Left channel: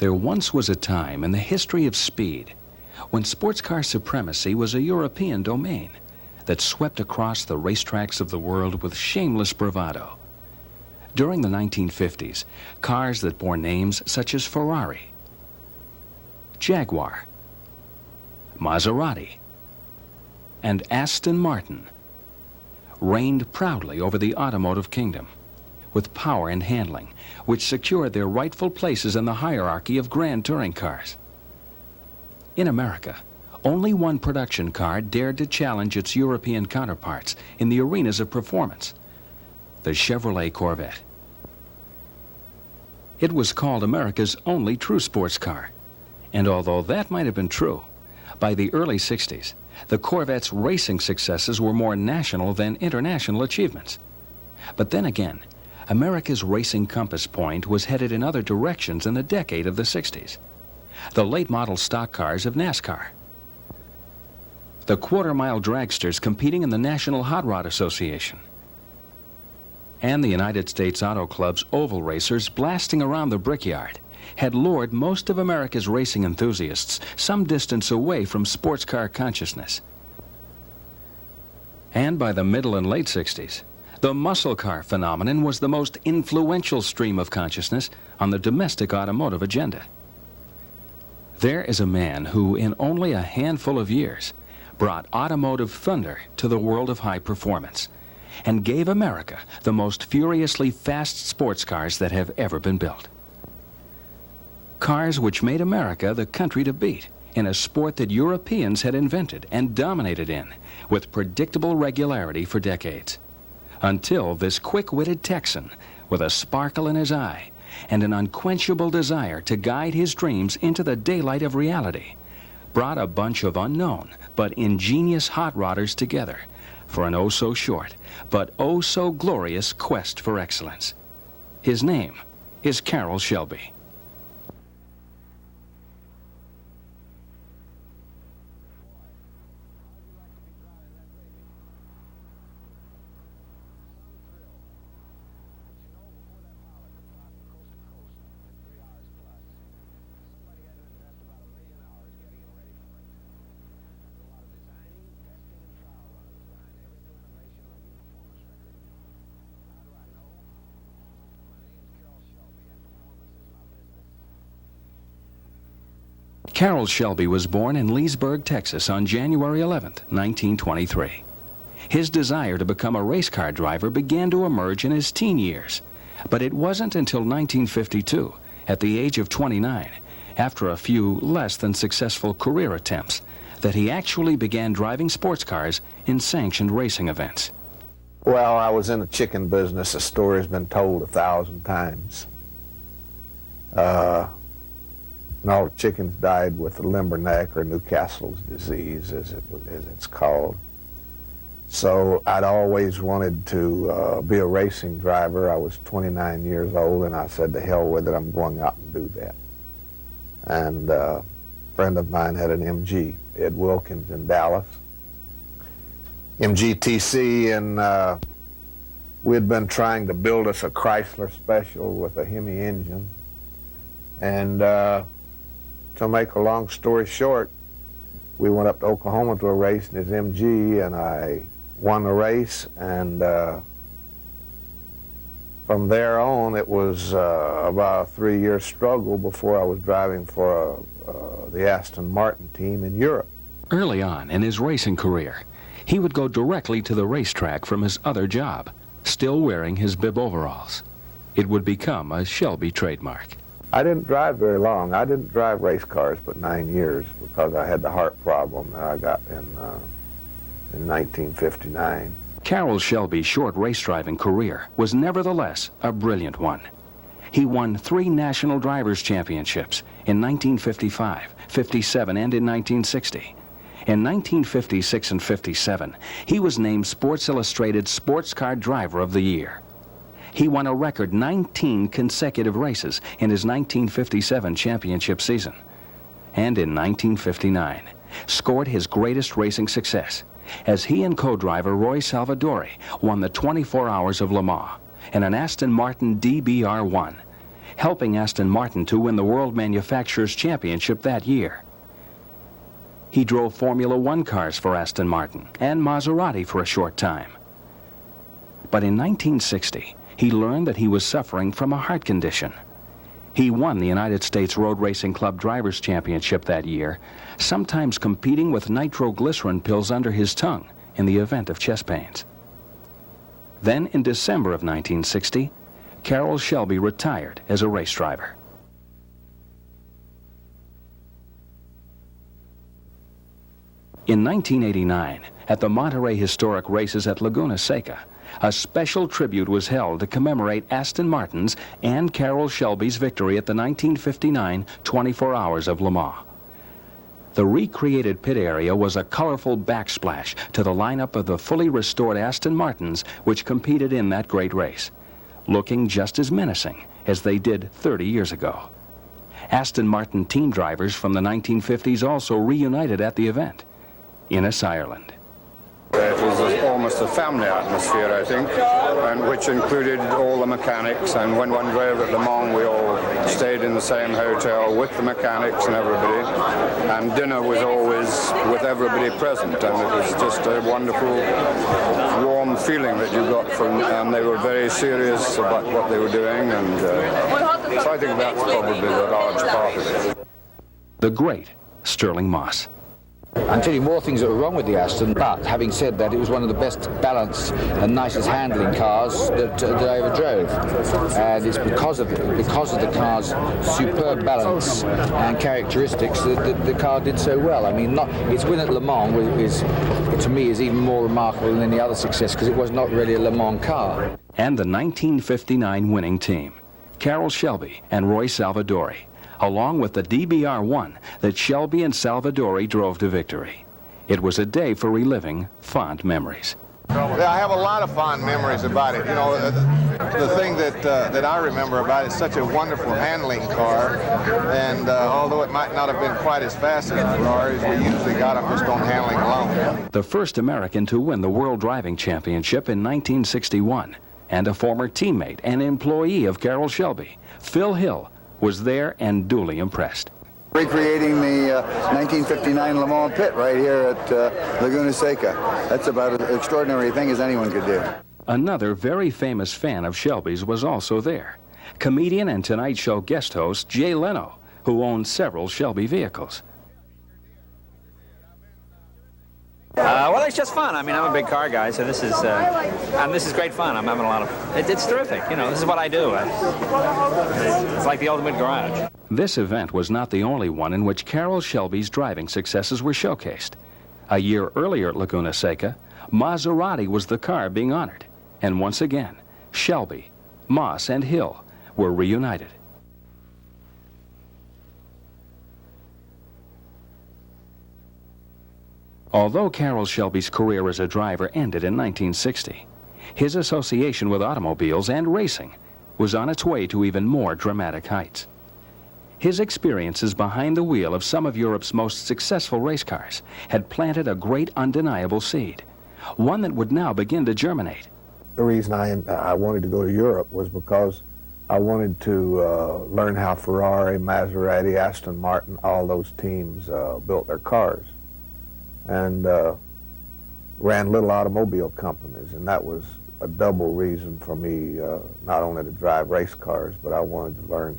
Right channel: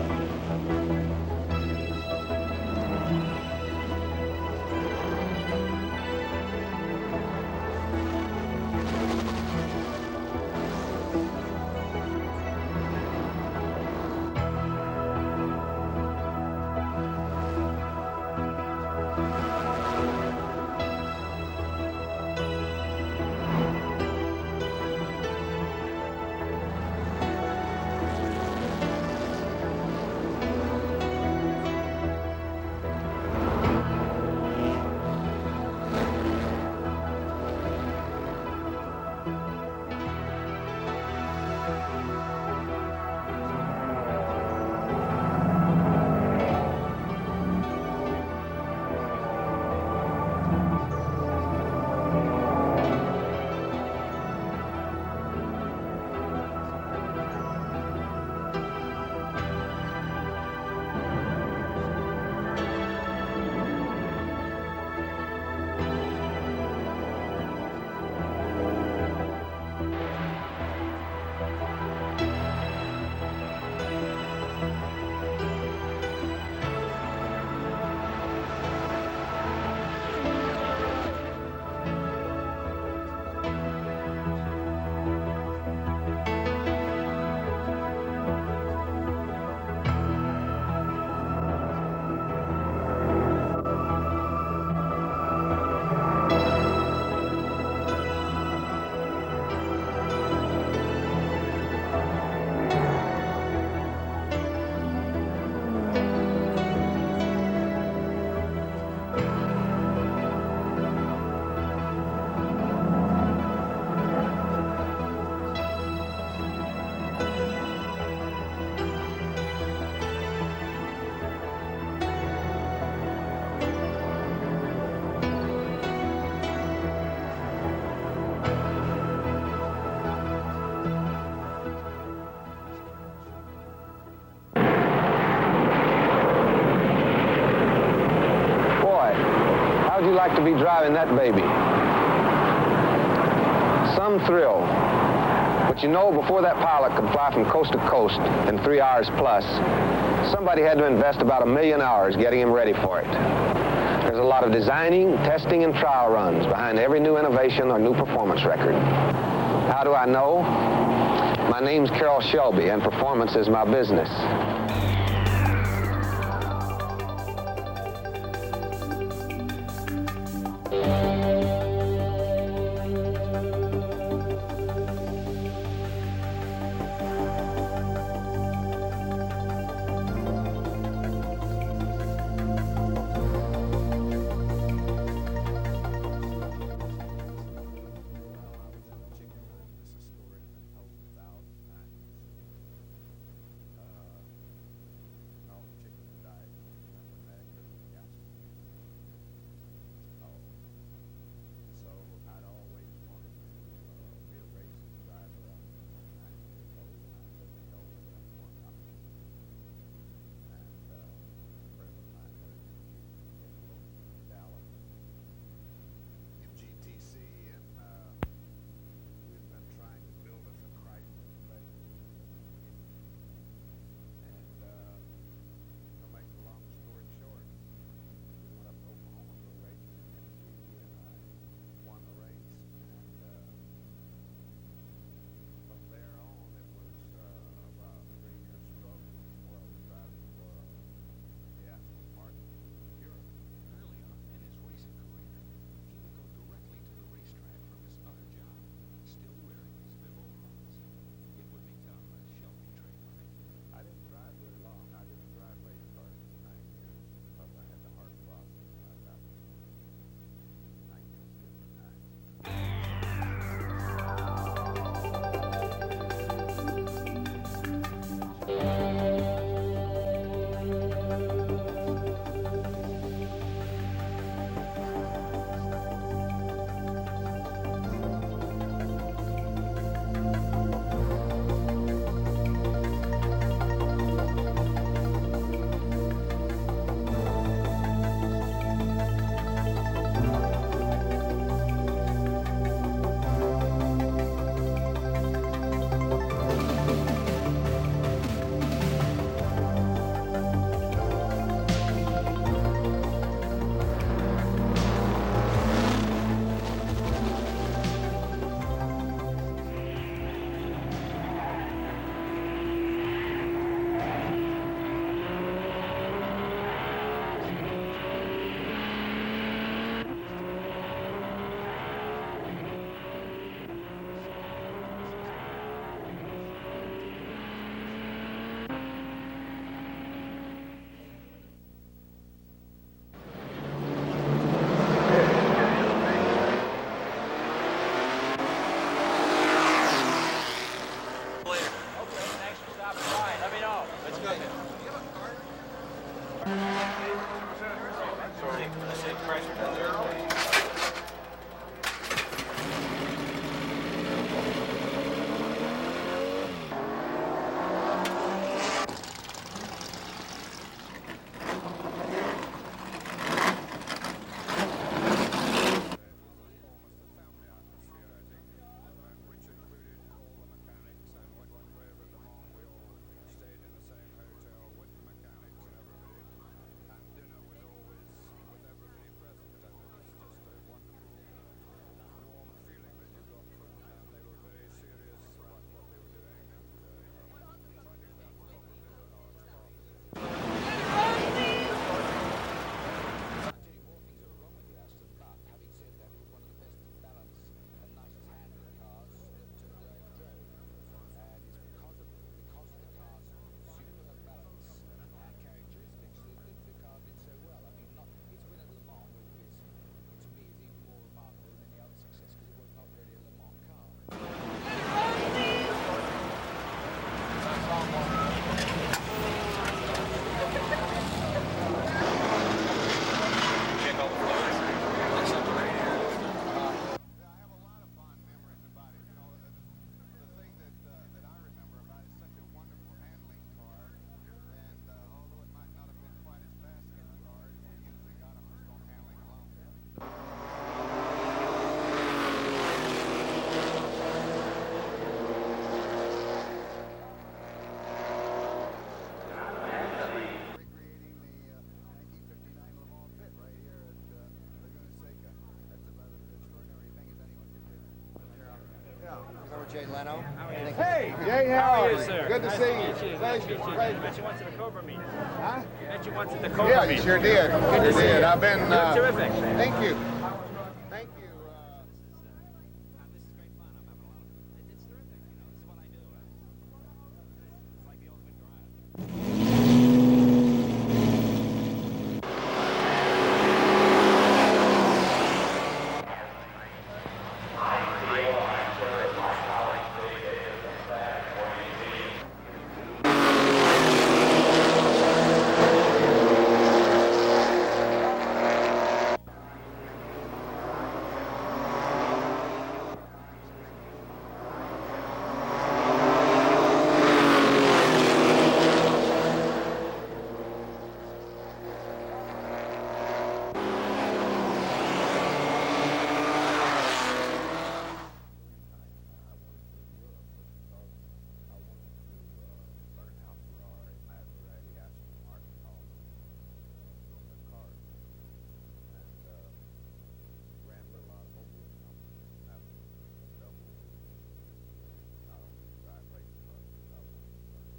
There once was a time in the history of speed when sports car supremacy was a European domain that swept across the racetracks of the world with shameless bravado. During the 1950s, cars that bore names such as Ferrari, Jaguar, Maserati, and Aston Martin reigned proudly over the automotive kingdom with power and handling, which secured their rightful places in the hierarchy of grand touring cars. In America, only one production car dared to challenge its European counterparts in the arenas of performance: the Chevrolet Corvette. It was called America's only true sports car, and although that might have been true, by the early 60s, the Corvette's racing successes were more national than international achievements. But then again, America's racing compass point was headed in other directions in the decade of the 60s. The late model stock cars of NASCAR, the quarter-mile dragsters competing in the National Hot Rod Association, and the United States Auto Club's oval racers blasting around the brickyard had lured most of America's racing enthusiasts some distance away from sports car consciousness. And by the middle and late 60s, the muscle car phenomenon was the most influential stream of consciousness on the domestic automotive agenda. There is a man who, in only a handful of years, brought automotive thunder to the world of high performance and gave America the most furiously fast sports cars that have ever been built. Cars which made America the country to beat in a sport that Europeans had invented and dominated in with predictable regularity for decades. Until this quick-witted Texan, with a sparkle in his eye and an unquenchable desire to guide his dreams into the daylight of reality, brought a bunch of unknown but ingenious hot rodders together for an oh-so-short but oh-so-glorious quest for excellence. His name is Carroll Shelby. Boy, how would you like to be driving that baby? Some thrill. But you know, before that pilot could fly from coast to coast in 3 hours plus, somebody had to invest about 1 million hours getting him ready for it. There's a lot of designing, testing, and trial runs behind every new innovation or new performance record. How do I know? My name's Carroll Shelby, and performance is my business. Carroll Shelby was born in Leesburg, Texas on January 11, 1923. His desire to become a race car driver began to emerge in his teen years, but it wasn't until 1952, at the age of 29, after a few less than successful career attempts, that he actually began driving sports cars in sanctioned racing events. Well, I was in the chicken business. The story's been told 1,000 times. And all the chickens died with the limberneck or Newcastle's disease, as it's called. So I'd always wanted to be a racing driver. I was 29 years old, and I said, to hell with it, I'm going out and do that. And a friend of mine had an MG, Ed Wilkins, in Dallas, MGTC, and we had been trying to build us a Chrysler Special with a Hemi engine. And to make a long story short, we went up to Oklahoma to a race in his MG, and I won the race, and from there on, it was about a 3-year struggle before I was driving for the Aston Martin team in Europe. Early on in his racing career, he would go directly to the racetrack from his other job, still wearing his bib overalls. It would become a Shelby trademark. I didn't drive very long. I didn't drive race cars but 9 years because I had the heart problem that I got in 1959. Carroll Shelby's short race driving career was nevertheless a brilliant one. He won 3 national drivers' championships in 1955, 57, and in 1960. In 1956 and 57, he was named Sports Illustrated Sports Car Driver of the Year. He won a record 19 consecutive races in his 1957 championship season. And in 1959, scored his greatest racing success as he and co-driver Roy Salvadori won the 24 Hours of Le Mans in an Aston Martin DBR1 helping Aston Martin to win the World Manufacturers' Championship that year. He drove Formula One cars for Aston Martin and Maserati for a short time. But in 1960, he learned that he was suffering from a heart condition. He won the United States Road Racing Club Drivers' Championship that year, sometimes competing with nitroglycerin pills under his tongue in the event of chest pains. Then, in December of 1960, Carroll Shelby retired as a race driver. In 1989, at the Monterey Historic Races at Laguna Seca, a special tribute was held to commemorate Aston Martin's and Carroll Shelby's victory at the 1959 24 Hours of Le Mans. The recreated pit area was a colorful backsplash to the lineup of the fully restored Aston Martins which competed in that great race, looking just as menacing as they did 30 years ago. Aston Martin team drivers from the 1950s also reunited at the event in Ireland. It was almost a family atmosphere, I think, and which included all the mechanics. And when one drove at Le Mans, we all stayed in the same hotel with the mechanics and everybody. And dinner was always with everybody present, and it was just a wonderful, warm feeling that you got from. And they were very serious about what they were doing, and so I think that's probably the large part of it. The great Stirling Moss. I'm telling you more things that were wrong with the Aston, but having said that, it was one of the best balanced and nicest handling cars that I ever drove. And it's because of the car's superb balance and characteristics that the car did so well. I mean, its win at Le Mans to me is even more remarkable than any other success because it was not really a Le Mans car. And the 1959 winning team, Carroll Shelby and Roy Salvadori, along with the DBR-1 that Shelby and Salvadori drove to victory. It was a day for reliving fond memories. Yeah, I have a lot of fond memories about it. You know, the thing that I remember about it is such a wonderful handling car, and although it might not have been quite as fast as the Ferraris, we usually got them just on handling alone. The first American to win the World Driving Championship in 1961, and a former teammate and employee of Carroll Shelby, Phil Hill, was there and duly impressed. Recreating the 1959 Le Mans pit right here at Laguna Seca. That's about as extraordinary a thing as anyone could do. Another very famous fan of Shelby's was also there. Comedian and Tonight Show guest host Jay Leno, who owned several Shelby vehicles. Yeah, you sure did. You sure did. I've been... well, it's just fun. I mean, I'm a big car guy, so this is great fun. I'm having a lot of... It's terrific. You know, this is what I do. It's like the ultimate garage. This event was not the only one in which Carroll Shelby's driving successes were showcased. A year earlier at Laguna Seca, Maserati was the car being honored. And once again, Shelby, Moss, and Hill were reunited. Although Carroll Shelby's career as a driver ended in 1960, his association with automobiles and racing was on its way to even more dramatic heights. His experiences behind the wheel of some of Europe's most successful race cars had planted a great undeniable seed, one that would now begin to germinate. The reason I wanted to go to Europe was because I wanted to learn how Ferrari, Maserati, Aston Martin, all those teams built their cars, and ran little automobile companies, and that was a double reason for me not only to drive race cars, but I wanted to learn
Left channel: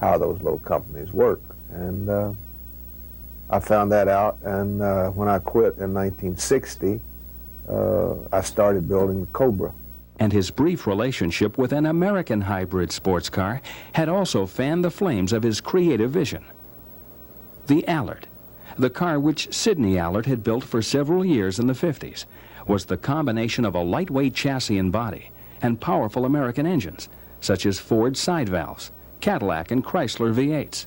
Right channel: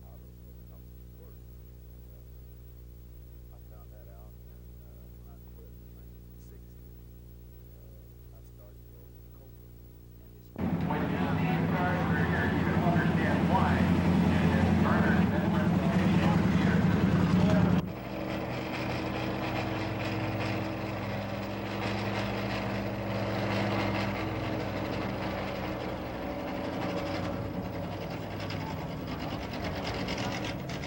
how those little companies work. And I found that out, and when I quit in 1960, I started building the Cobra. And his brief relationship with an American hybrid sports car had also fanned the flames of his creative vision. The Allard, the car which Sidney Allard had built for several years in the 50s, was the combination of a lightweight chassis and body and powerful American engines, such as Ford side valves, Cadillac and Chrysler V8s.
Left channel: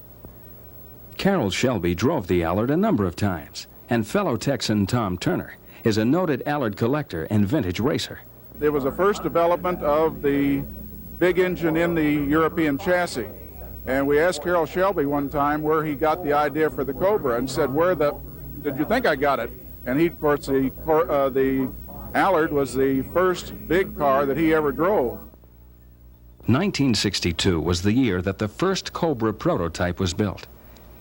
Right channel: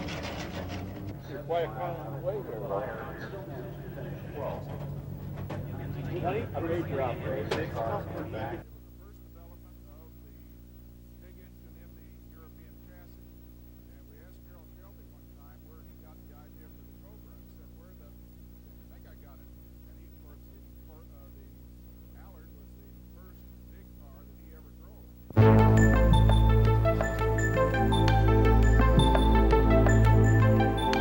Carroll Shelby drove the Allard a number of times, and fellow Texan Tom Turner is a noted Allard collector and vintage racer. It was the first development of the big engine in the European chassis. And we asked Carroll Shelby one time where he got the idea for the Cobra, and said, did you think I got it? And he, of course, the Allard was the first big car that he ever drove. 1962 was the year that the first Cobra prototype was built.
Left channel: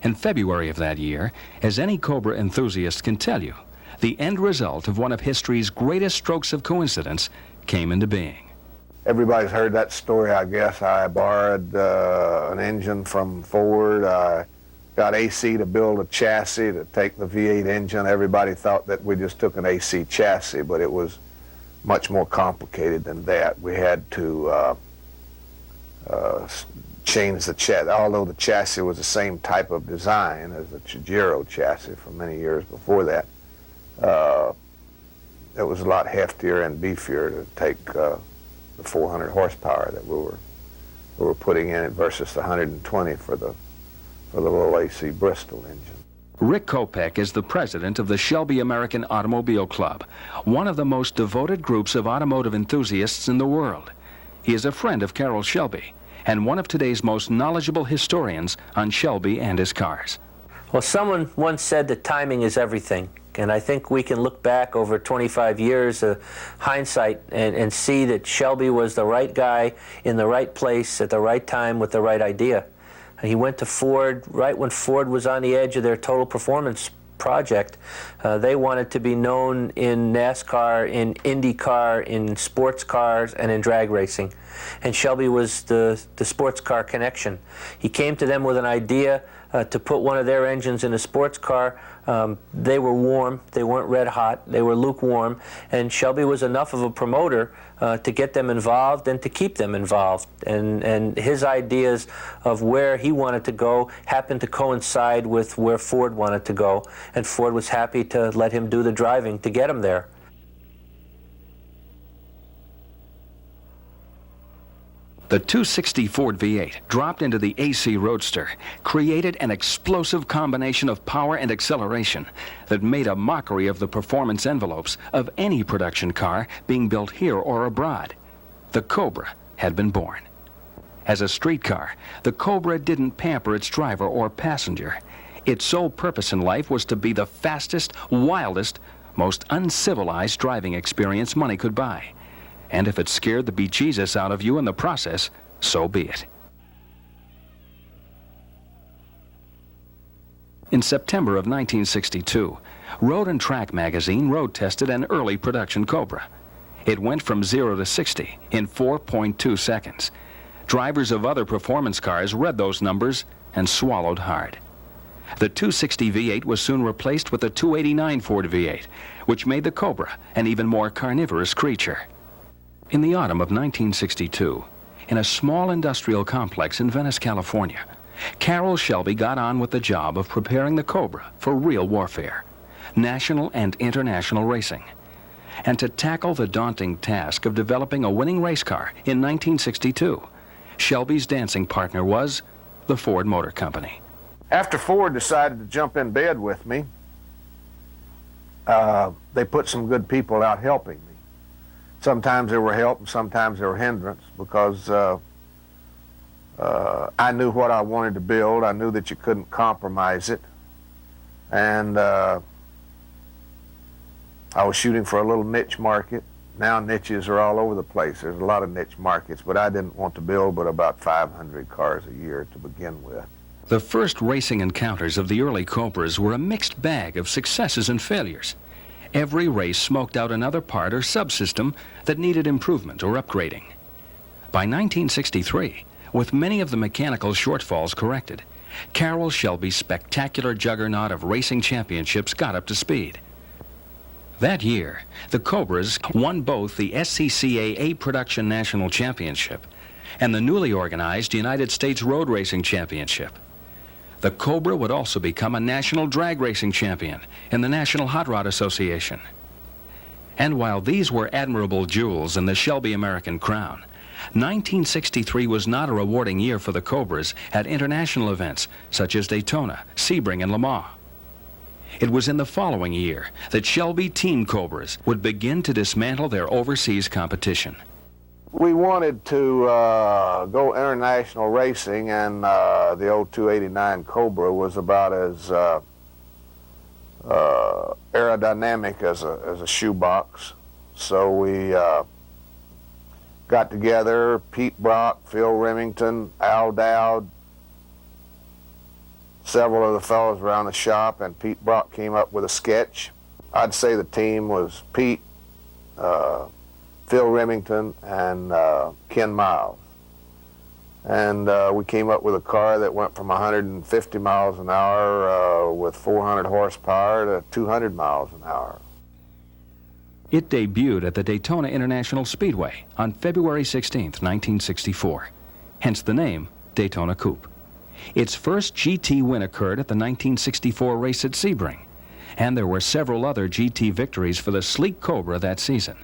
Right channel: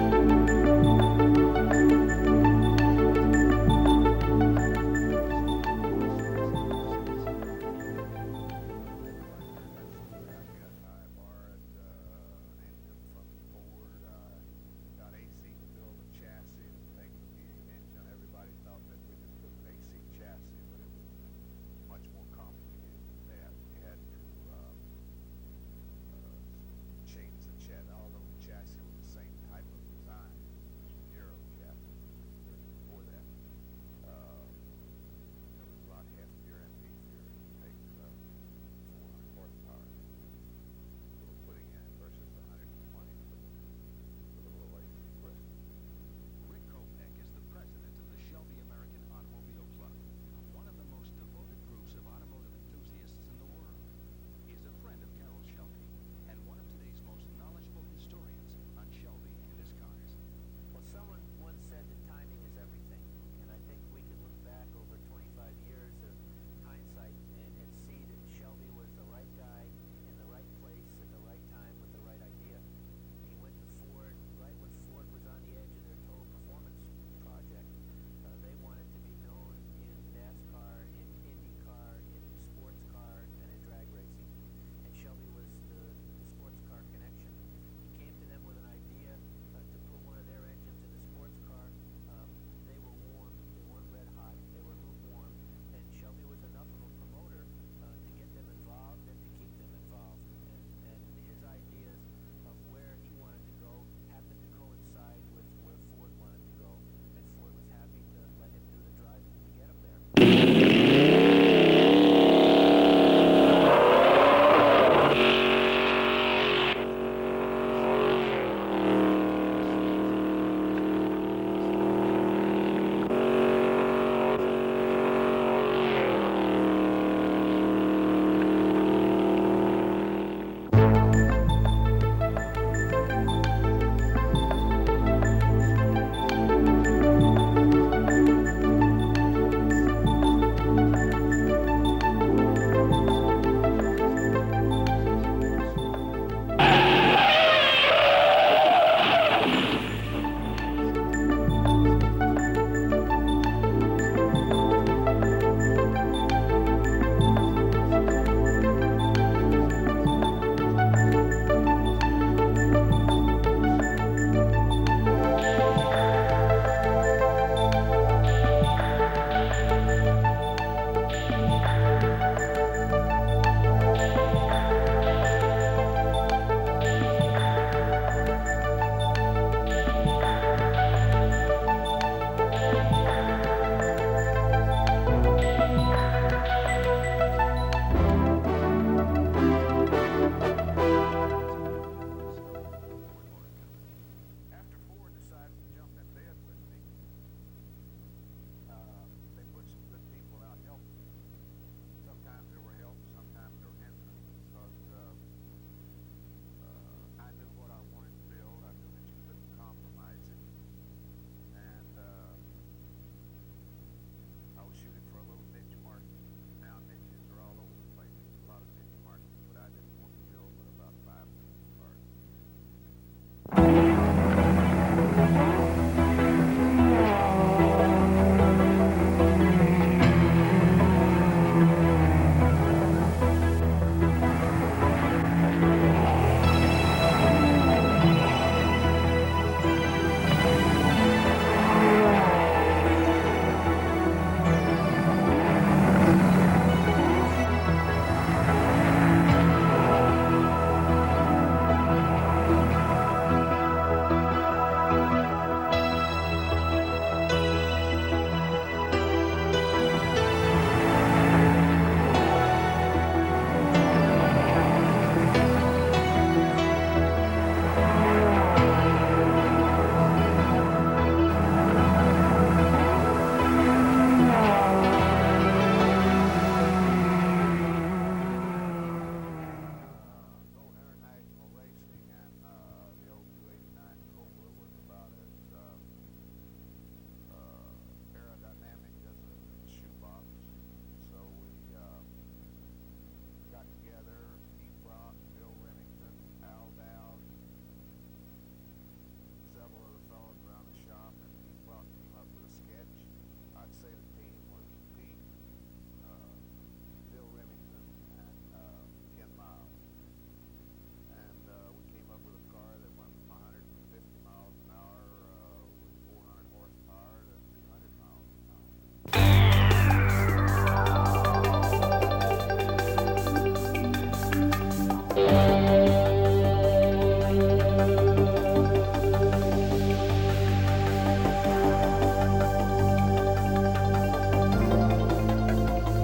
In February of that year, as any Cobra enthusiast can tell you, the end result of one of history's greatest strokes of coincidence came into being. Everybody's heard that story, I guess. I borrowed an engine from Ford. I got AC to build a chassis to take the V8 engine. Everybody thought that we just took an AC chassis, but it was much more complicated than that. We had to change the chassis. Although the chassis was the same type of design as the Chigero chassis from many years before that, it was a lot heftier and beefier to take the 400 horsepower that we were putting in it versus the 120 for the little AC Bristol engine. Rick Kopech is the president of the Shelby American Automobile Club, one of the most devoted groups of automotive enthusiasts in the world. He is a friend of Carroll Shelby and one of today's most knowledgeable historians on Shelby and his cars. Well, someone once said that timing is everything. And I think we can look back over 25 years of hindsight and see that Shelby was the right guy in the right place at the right time with the right idea. He went to Ford right when Ford was on the edge of their total performance project. They wanted to be known in NASCAR, in IndyCar, in sports cars, and in drag racing. And Shelby was the sports car connection. He came to them with an idea to put one of their engines in a sports car. They were warm, they weren't red hot, they were lukewarm, and Shelby was enough of a promoter to get them involved and to keep them involved. And his ideas of where he wanted to go happened to coincide with where Ford wanted to go, and Ford was happy to let him do the driving to get him there. The 260 Ford V8 dropped into the AC Roadster created an explosive combination of power and acceleration that made a mockery of the performance envelopes of any production car being built here or abroad. The Cobra had been born. As a street car, the Cobra didn't pamper its driver or passenger. Its sole purpose in life was to be the fastest, wildest, most uncivilized driving experience money could buy. And if it scared the bejesus out of you in the process, so be it. In September of 1962, Road and Track magazine road tested an early production Cobra. It went from 0 to 60 in 4.2 seconds. Drivers of other performance cars read those numbers and swallowed hard. The 260 V8 was soon replaced with the 289 Ford V8, which made the Cobra an even more carnivorous creature. In the autumn of 1962, in a small industrial complex in Venice, California, Carroll Shelby got on with the job of preparing the Cobra for real warfare, national and international racing, and to tackle the daunting task of developing a winning race car in 1962. Shelby's dancing partner was the Ford Motor Company. After Ford decided to jump in bed with me, they put some good people out helping me. Sometimes they were help and sometimes they were hindrance because I knew what I wanted to build. I knew that you couldn't compromise it. And I was shooting for a little niche market. Now niches are all over the place. There's a lot of niche markets, but I didn't want to build but about 500 cars a year to begin with. The first racing encounters of the early Cobras were a mixed bag of successes and failures. Every race smoked out another part or subsystem that needed improvement or upgrading. By 1963, with many of the mechanical shortfalls corrected, Carroll Shelby's spectacular juggernaut of racing championships got up to speed. That year, the Cobras won both the SCCA 8 Production National Championship and the newly organized United States Road Racing Championship. The Cobra would also become a national drag racing champion in the National Hot Rod Association. And while these were admirable jewels in the Shelby American crown, 1963 was not a rewarding year for the Cobras at international events such as Daytona, Sebring, and Le Mans. It was in the following year that Shelby Team Cobras would begin to dismantle their overseas competition. We wanted to go international racing, and the old 289 Cobra was about as aerodynamic as a shoebox. So we got together, Pete Brock, Phil Remington, Al Dowd, several of the fellows around the shop, and Pete Brock came up with a sketch. I'd say the team was Pete, Phil Remington, and Ken Miles. And we came up with a car that went from 150 miles an hour with 400 horsepower to 200 miles an hour. It debuted at the Daytona International Speedway on February 16, 1964, hence the name Daytona Coupe. Its first GT win occurred at the 1964 race at Sebring, and there were several other GT victories for the sleek Cobra that season.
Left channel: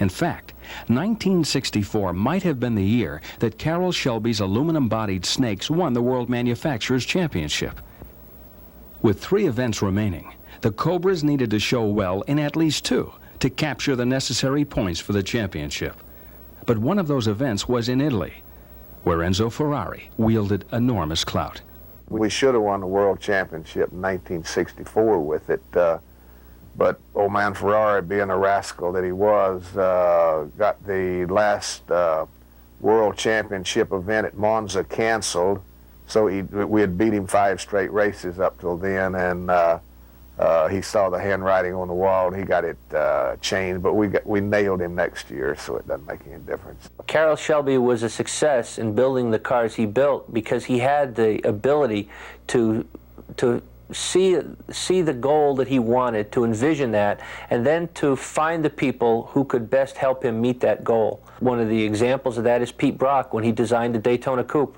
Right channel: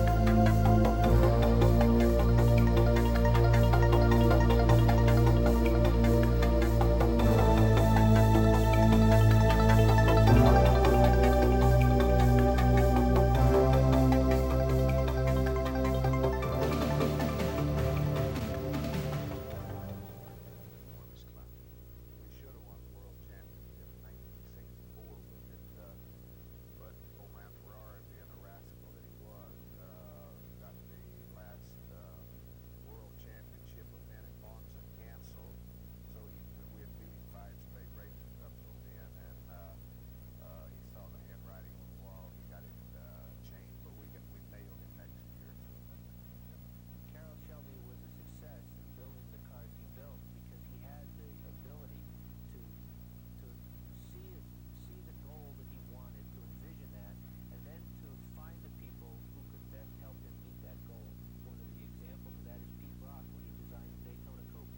In fact, 1964 might have been the year that Carroll Shelby's aluminum-bodied Snakes won the World Manufacturers' Championship. With 3 events remaining, the Cobras needed to show well in at least 2 to capture the necessary points for the championship. But one of those events was in Italy, where Enzo Ferrari wielded enormous clout. We should have won the World Championship in 1964 with it, but old man Ferrari, being a rascal that he was, got the last World Championship event at Monza canceled. So we had beat him 5 straight races up till then, and he saw the handwriting on the wall, and he got it changed. But we nailed him next year, so it doesn't make any difference. Carroll Shelby was a success in building the cars he built because he had the ability to see the goal that he wanted, to envision that, and then to find the people who could best help him meet that goal. One of the examples of that is Pete Brock when he designed the Daytona Coupe.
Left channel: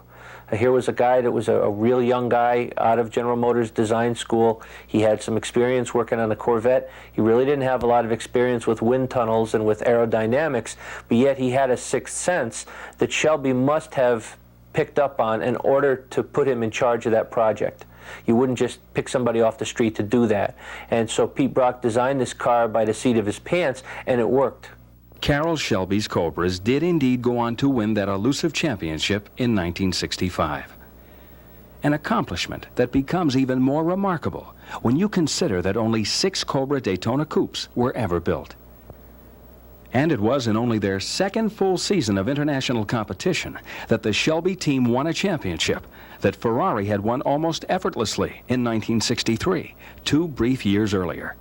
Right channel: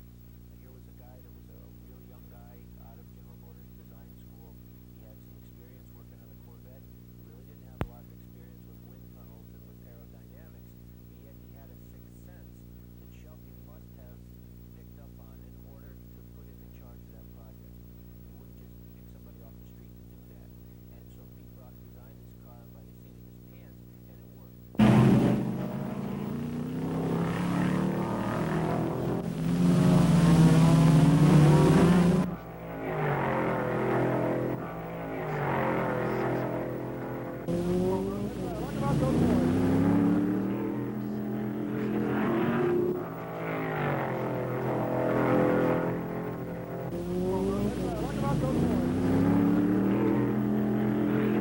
Here was a guy that was a real young guy out of General Motors design school. He had some experience working on a Corvette. He really didn't have a lot of experience with wind tunnels and with aerodynamics, but yet he had a sixth sense that Shelby must have picked up on in order to put him in charge of that project. You wouldn't just pick somebody off the street to do that. And so Pete Brock designed this car by the seat of his pants, and it worked. Carroll Shelby's Cobras did indeed go on to win that elusive championship in 1965. An accomplishment that becomes even more remarkable when you consider that only 6 Cobra Daytona Coupes were ever built. And it was in only their second full season of international competition that the Shelby team won a championship that Ferrari had won almost effortlessly in 1963, 2 brief years earlier.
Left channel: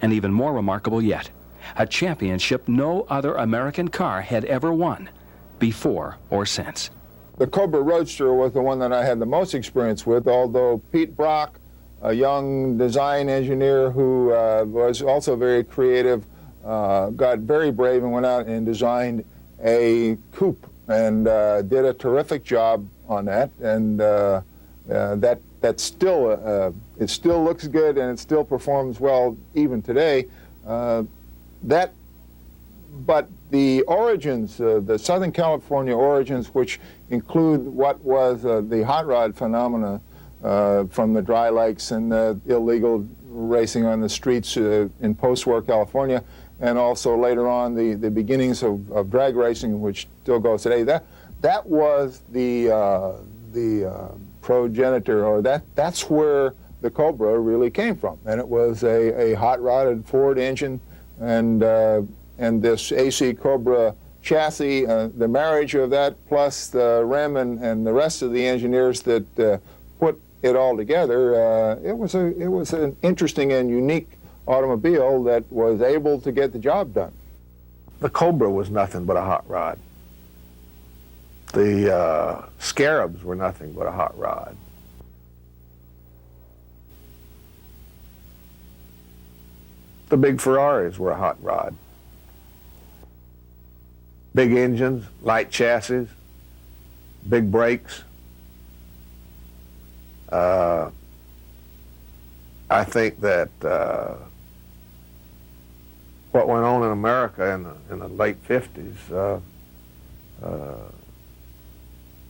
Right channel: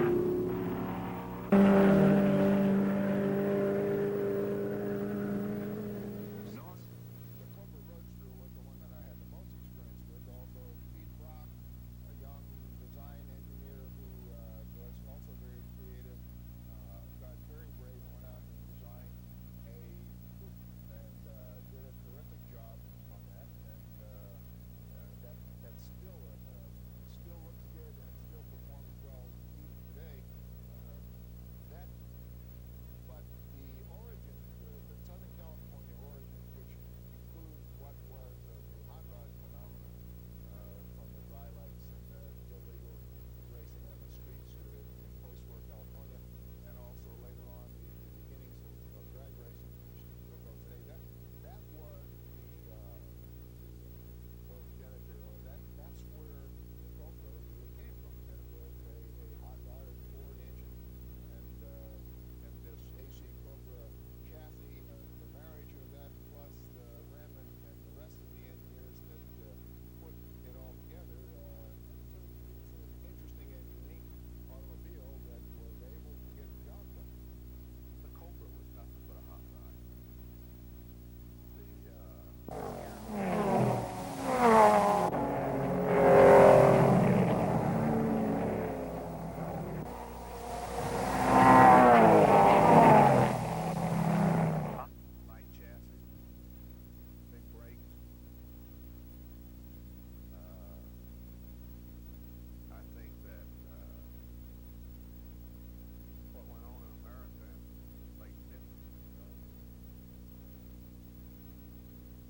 And even more remarkable yet, a championship no other American car had ever won, before or since. The Cobra Roadster was the one that I had the most experience with, although Pete Brock, a young design engineer who was also very creative, got very brave and went out and designed a coupe and did a terrific job on that. And that's still, it still looks good and it still performs well even today. But the origins, the Southern California origins, which include what was the hot rod phenomena from the dry lakes and the illegal racing on the streets in post-war California, and also later on the beginnings of drag racing, which still goes today. That was the progenitor, or that's where the Cobra really came from. And it was a hot-rodded Ford engine and this AC Cobra chassis, the marriage of that plus the rim and the rest of the engineers that put it all together, it was an interesting and unique automobile that was able to get the job done. The Cobra was nothing but a hot rod. The Scarabs were nothing but a hot rod. The big Ferraris were a hot rod. Big engines, light chassis, big brakes. I think that what went on in America in the late 50s,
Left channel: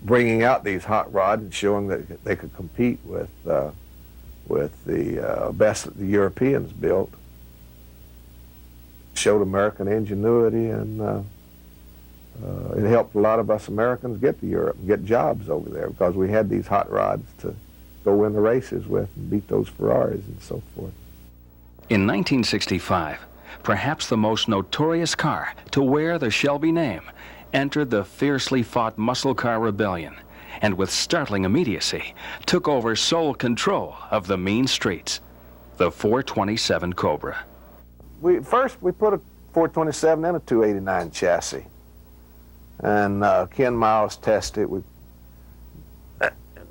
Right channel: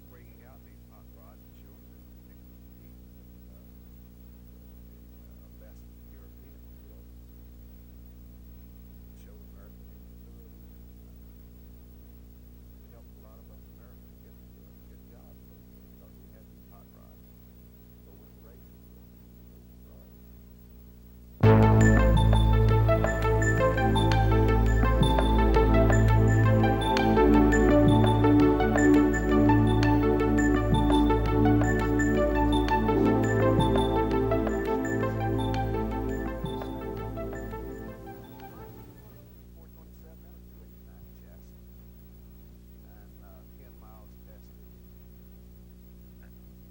bringing out these hot rods and showing that they could compete with the best that the Europeans built, showed American ingenuity, and it helped a lot of us Americans get to Europe and get jobs over there because we had these hot rods to go win the races with and beat those Ferraris and so forth. In 1965, perhaps the most notorious car to wear the Shelby name entered the fiercely fought muscle car rebellion and with startling immediacy took over sole control of the mean streets, the 427 Cobra. First we put a 427 in a 289 chassis, and Ken Miles tested it. We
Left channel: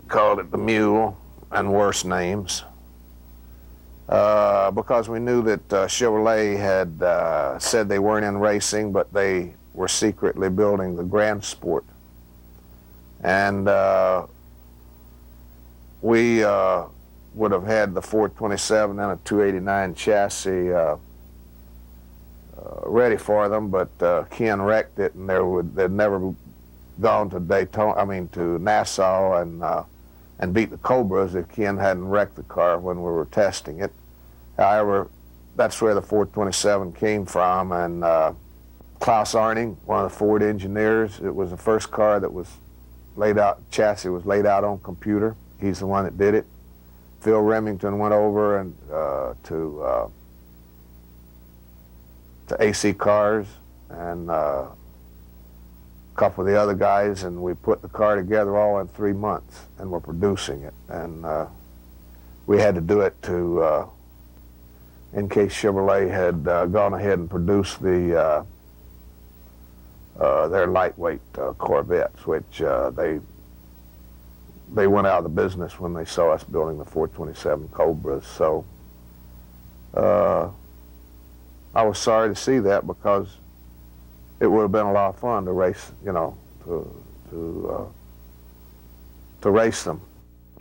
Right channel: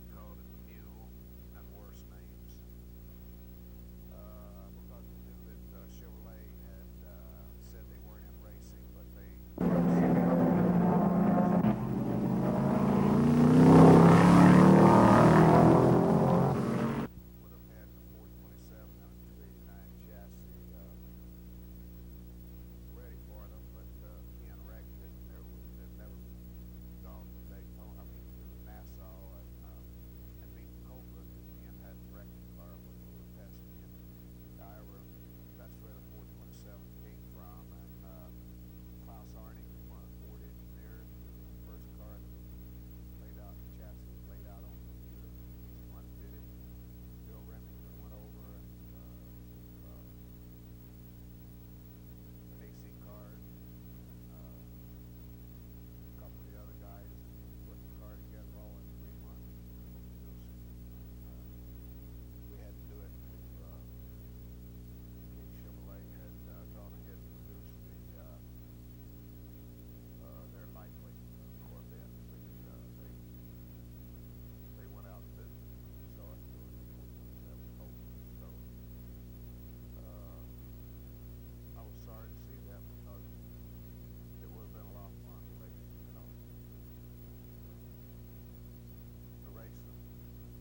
called it the Mule and worse names, because we knew that Chevrolet had said they weren't in racing, but they were secretly building the Grand Sport. And we would have had the 427 and a 289 chassis ready for them, but Ken wrecked it, and they'd never gone to to Nassau and beat the Cobras if Ken hadn't wrecked the car when we were testing it. However, that's where the 427 came from, and Klaus Arning, one of the Ford engineers, it was the first car that was laid out, chassis was laid out on computer. He's the one that did it. Phil Remington went over and to AC Cars and a couple of the other guys, and we put the car together all in 3 months, and we're producing it. And we had to do it to, in case Chevrolet had gone ahead and produced their lightweight Corvettes, which they went out of the business when they saw us building the 427 Cobras. So I was sorry to see that, because it would have been a lot of fun to race, to race them.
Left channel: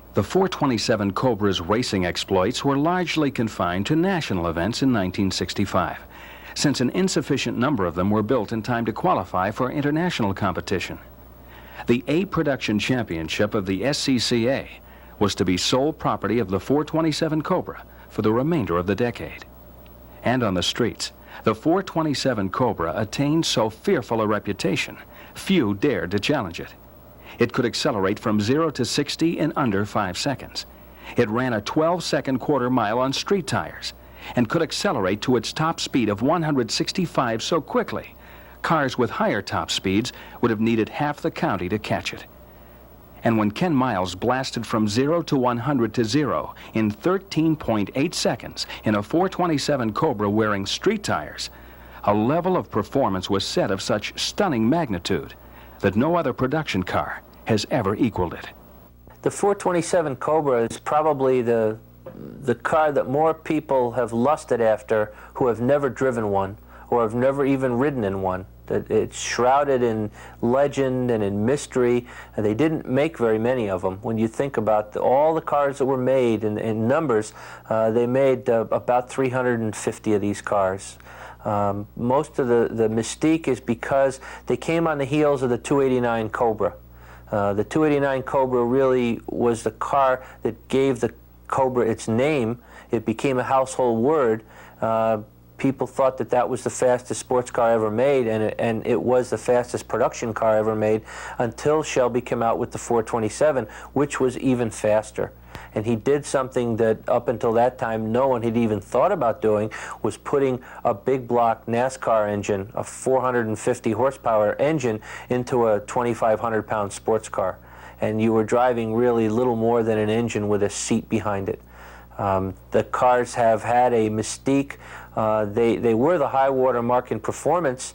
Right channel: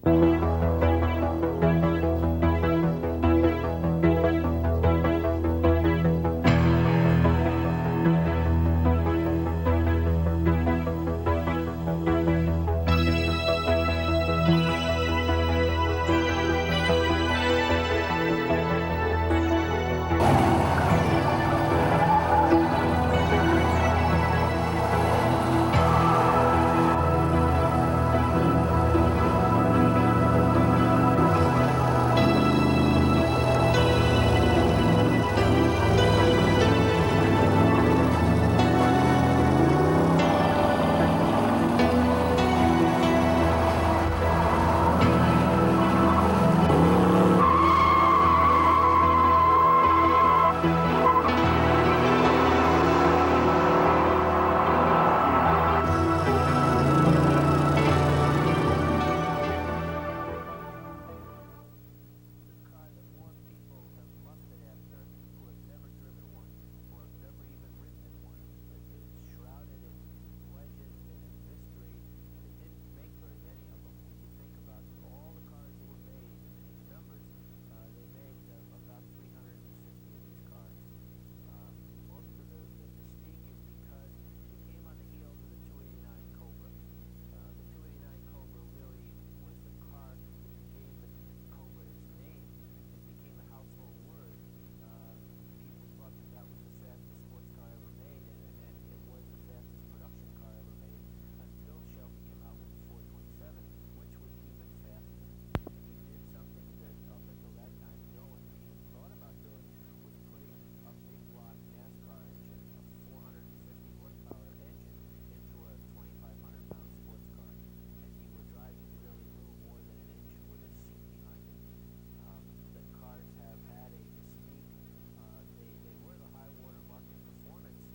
The 427 Cobra's racing exploits were largely confined to national events in 1965, since an insufficient number of them were built in time to qualify for international competition. The A Production Championship of the SCCA was to be sole property of the 427 Cobra for the remainder of the decade. And on the streets, the 427 Cobra attained so fearful a reputation, few dared to challenge it. It could accelerate from 0 to 60 in under 5 seconds. It ran a 12-second quarter mile on street tires and could accelerate to its top speed of 165 so quickly, cars with higher top speeds would have needed half the county to catch it. And when Ken Miles blasted from 0 to 100 to 0 in 13.8 seconds in a 427 Cobra wearing street tires, a level of performance was set of such stunning magnitude that no other production car has ever equaled it. The 427 Cobra is probably the car that more people have lusted after who have never driven one or have never even ridden in one. That it's shrouded in legend and in mystery, and they didn't make very many of them. When you think about all the cars that were made in numbers, they made about 350 of these cars. Most of the mystique is because they came on the heels of the 289 Cobra. The 289 Cobra really was the car that gave the Cobra its name. It became a household word. People thought that that was the fastest sports car ever made, and it was the fastest production car ever made until Shelby came out with the 427, which was even faster. And he did something that up until that time no one had even thought about doing, was putting a big block NASCAR engine, a 450 horsepower engine, into a 2,500-pound sports car. And you were driving really little more than an engine with a seat behind it. The cars have had a mystique. They were the high water mark in performance.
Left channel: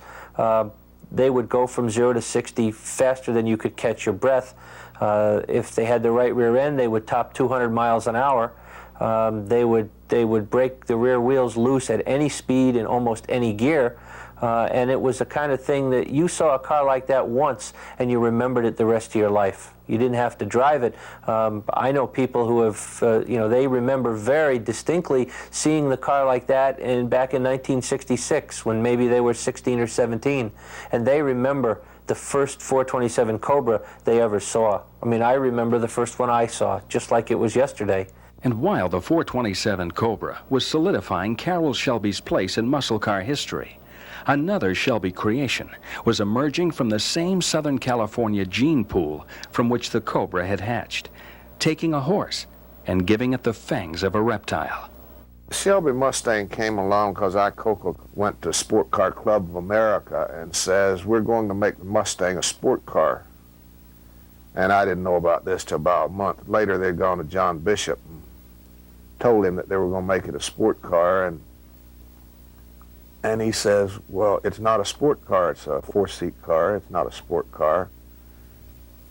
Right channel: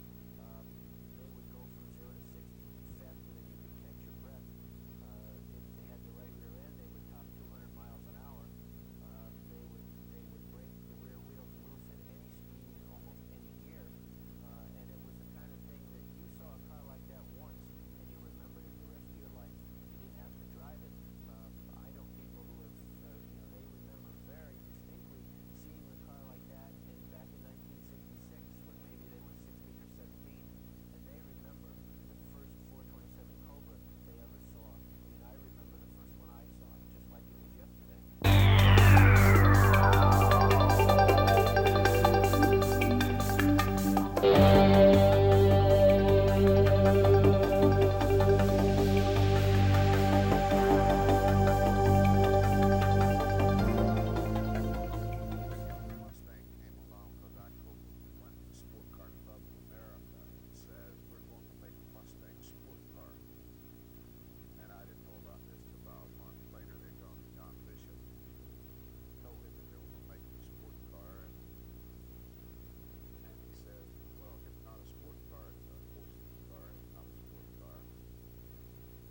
They would go from 0 to 60 faster than you could catch your breath. If they had the right rear end, they would top 200 miles an hour. They would break the rear wheels loose at any speed in almost any gear. And it was the kind of thing that you saw a car like that once and you remembered it the rest of your life. You didn't have to drive it. I know people who have, they remember very distinctly seeing the car like that back in 1966 when maybe they were 16 or 17. And they remember the first 427 Cobra they ever saw. I mean, I remember the first one I saw, just like it was yesterday. And while the 427 Cobra was solidifying Carroll Shelby's place in muscle car history, another Shelby creation was emerging from the same Southern California gene pool from which the Cobra had hatched, taking a horse and giving it the fangs of a reptile. Shelby Mustang came along because Icoca went to Sport Car Club of America and says, we're going to make the Mustang a sport car. And I didn't know about this till about a month later. They'd gone to John Bishop and told him that they were going to make it a sport car. And he says, well, it's not a sport car, it's a four-seat car, it's not a sport car.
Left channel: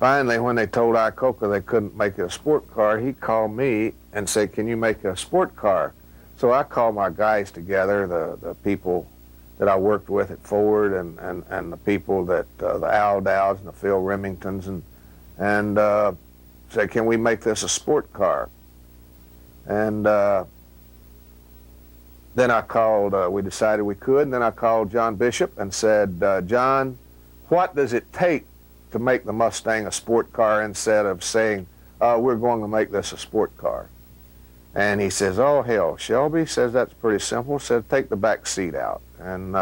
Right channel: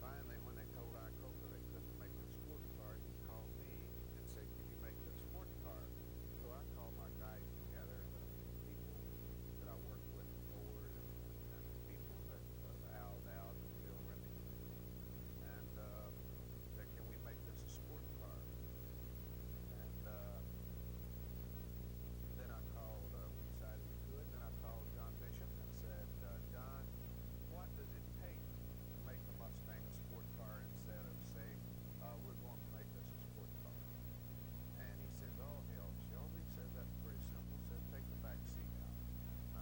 Finally, when they told Icoca they couldn't make it a sport car, he called me and said, can you make it a sport car? So I called my guys together, the people that I worked with at Ford and the people that, the Al Dowds and the Phil Remingtons, and said, can we make this a sport car? And then I called, we decided we could, and then I called John Bishop and said, John, what does it take to make the Mustang a sport car instead of saying, we're going to make this a sport car? And he says, oh, hell, Shelby, says that's pretty simple. Said, take the back seat out and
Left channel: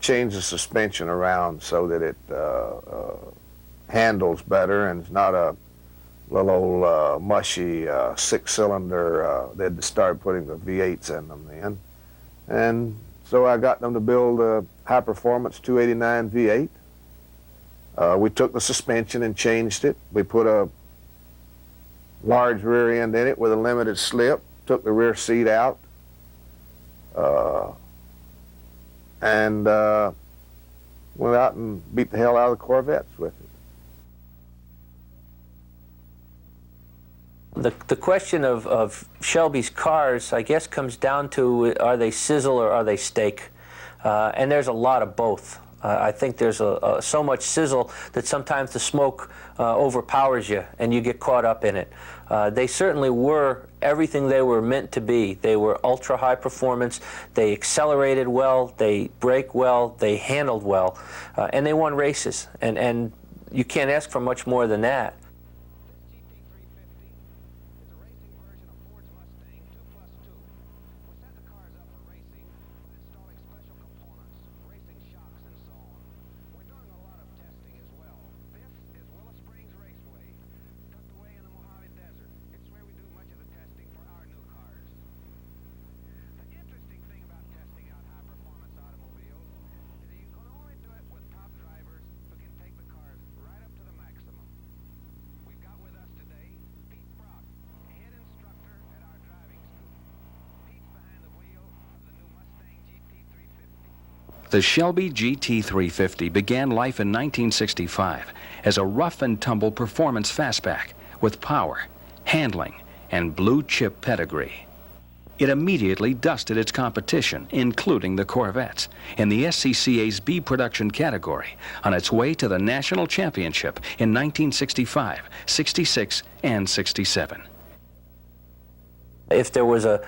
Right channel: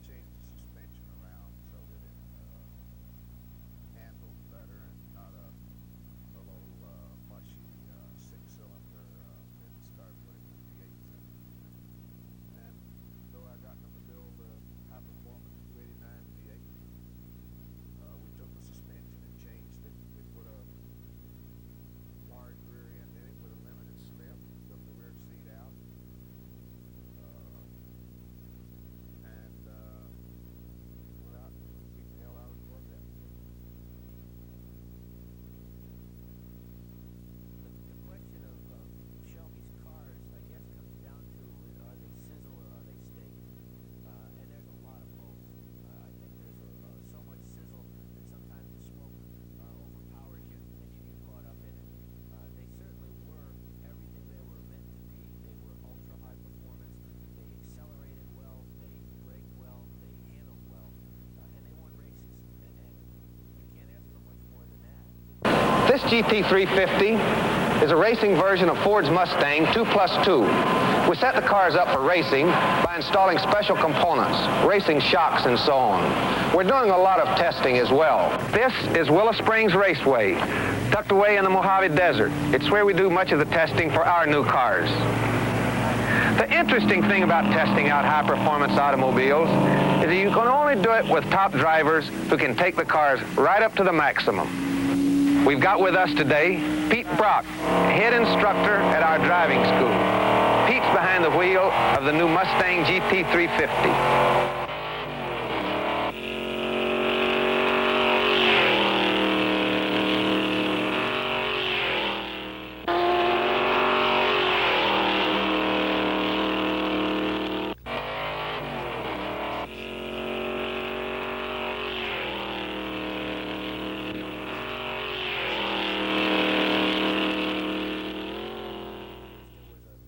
change the suspension around so that it handles better and it's not a little old mushy six-cylinder. They'd start putting the V8s in them then. And so I got them to build a high-performance 289 V8. We took the suspension and changed it. We put a large rear end in it with a limited slip, took the rear seat out, and went out and beat the hell out of the Corvettes with it. The question of Shelby's cars, I guess, comes down to, are they sizzle or are they steak? And there's a lot of both. I think there's so much sizzle that sometimes the smoke overpowers you and you get caught up in it. They certainly were everything they were meant to be. They were ultra high performance, they accelerated well, they brake well, they handled well, and they won races. And you can't ask for much more than that. This GT350 is a racing version of Ford's Mustang 2+2. We set the cars up for racing by installing special components, racing shocks and so on. We're doing a lot of testing as well. This is Willow Springs Raceway, tucked away in the Mojave Desert. It's where we do much of the testing for our new cars. The interesting thing about testing out high-performance automobiles is that you can only do it with top drivers who can take the cars right up to the maximum. We've got with us today Pete Brock, head instructor at our driving school. Pete's behind the wheel of the new Mustang GT350. The Shelby GT350 began life in 1965 as a rough-and-tumble performance fastback with power, handling, and blue-chip pedigree. It immediately dusted its competition, including the Corvettes, in the SCCA's B production category on its way to the national championship in 1965, 66, and 67. If there was a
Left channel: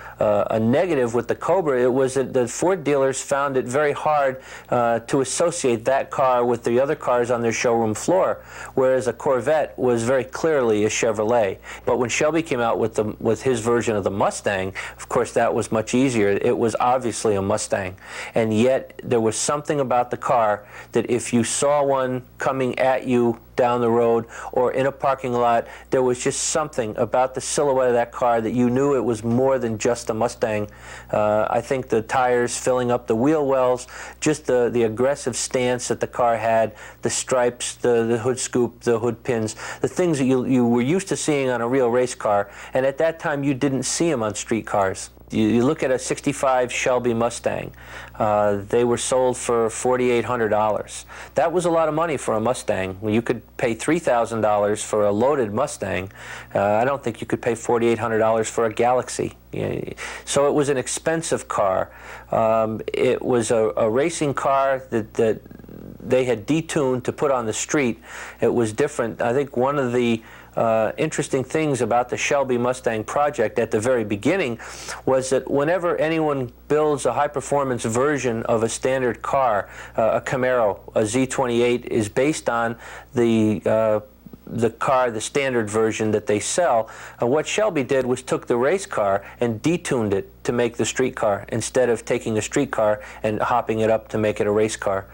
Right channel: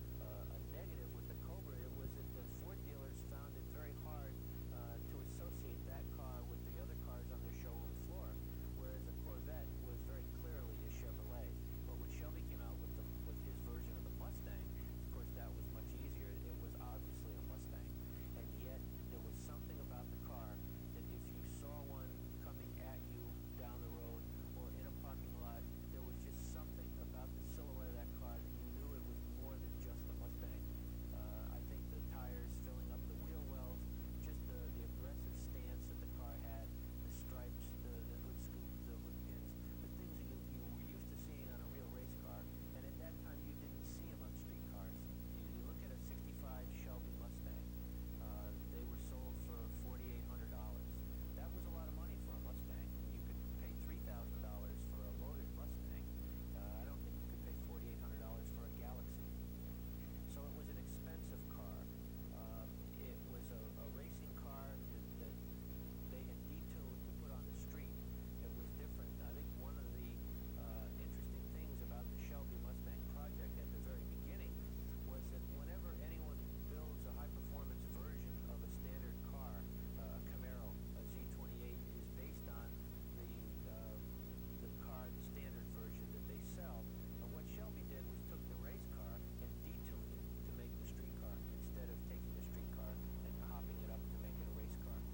negative with the Cobra, it was that the Ford dealers found it very hard to associate that car with the other cars on their showroom floor, whereas a Corvette was very clearly a Chevrolet. But when Shelby came out with his version of the Mustang, of course that was much easier. It was obviously a Mustang. And yet there was something about the car that if you saw one coming at you down the road or in a parking lot, there was just something about the silhouette of that car that you knew it was more than just a Mustang. I think the tires filling up the wheel wells, just the aggressive stance that the car had, the stripes, the hood scoop, the hood pins, the things that you were used to seeing on a real race car, and at that time you didn't see them on street cars. You look at a 65 Shelby Mustang, they were sold for $4,800. That was a lot of money for a Mustang. You could pay $3,000 for a loaded Mustang. I don't think you could pay $4,800 for a Galaxy. So it was an expensive car. It was a racing car that they had detuned to put on the street. It was different. I think one of the interesting things about the Shelby Mustang project at the very beginning was that whenever anyone builds a high-performance version of a standard car, a Camaro, a Z28, is based on the car, the standard version that they sell. What Shelby did was took the race car and detuned it to make the street car instead of taking a street car and hopping it up to make it a race car.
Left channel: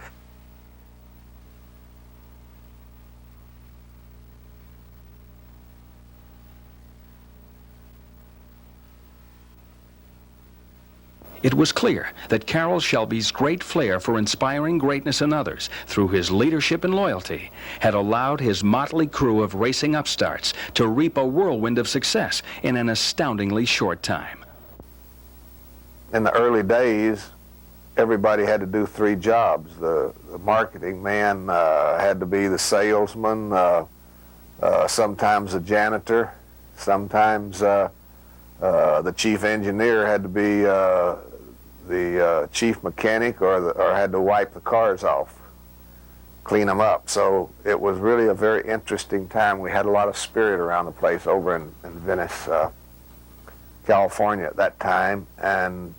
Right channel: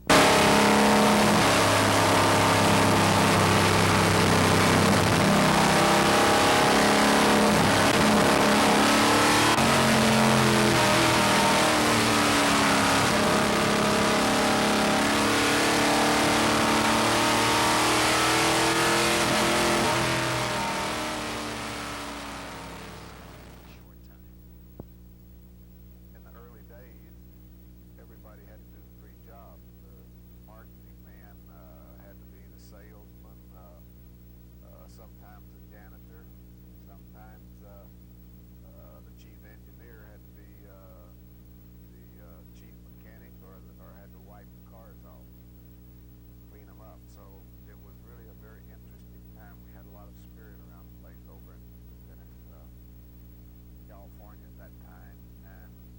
was clear that Carroll Shelby's great flair for inspiring greatness in others through his leadership and loyalty had allowed his motley crew of racing upstarts to reap a whirlwind of success in an astoundingly short time. In the early days, everybody had to do 3 jobs. The marketing man had to be the salesman, sometimes the janitor, sometimes the chief engineer had to be the chief mechanic, or had to wipe the cars off, clean them up. So it was really a very interesting time. We had a lot of spirit around the place over in Venice, California at that time, and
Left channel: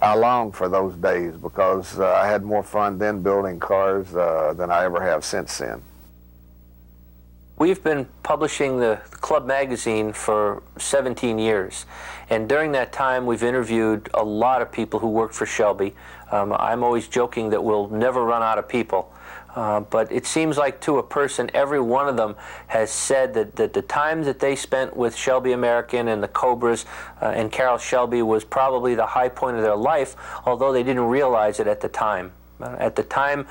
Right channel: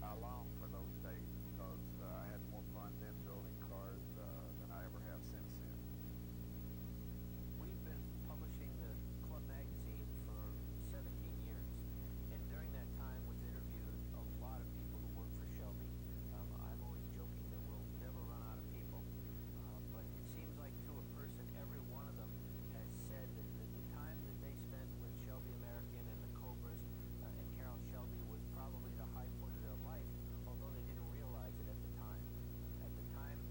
I longed for those days because I had more fun then building cars than I ever have since then. We've been publishing the Club magazine for 17 years, and during that time we've interviewed a lot of people who worked for Shelby. I'm always joking that we'll never run out of people, but it seems like to a person, every one of them has said that the time that they spent with Shelby American and the Cobras and Carroll Shelby was probably the high point of their life, although they didn't realize it at the time. At the time,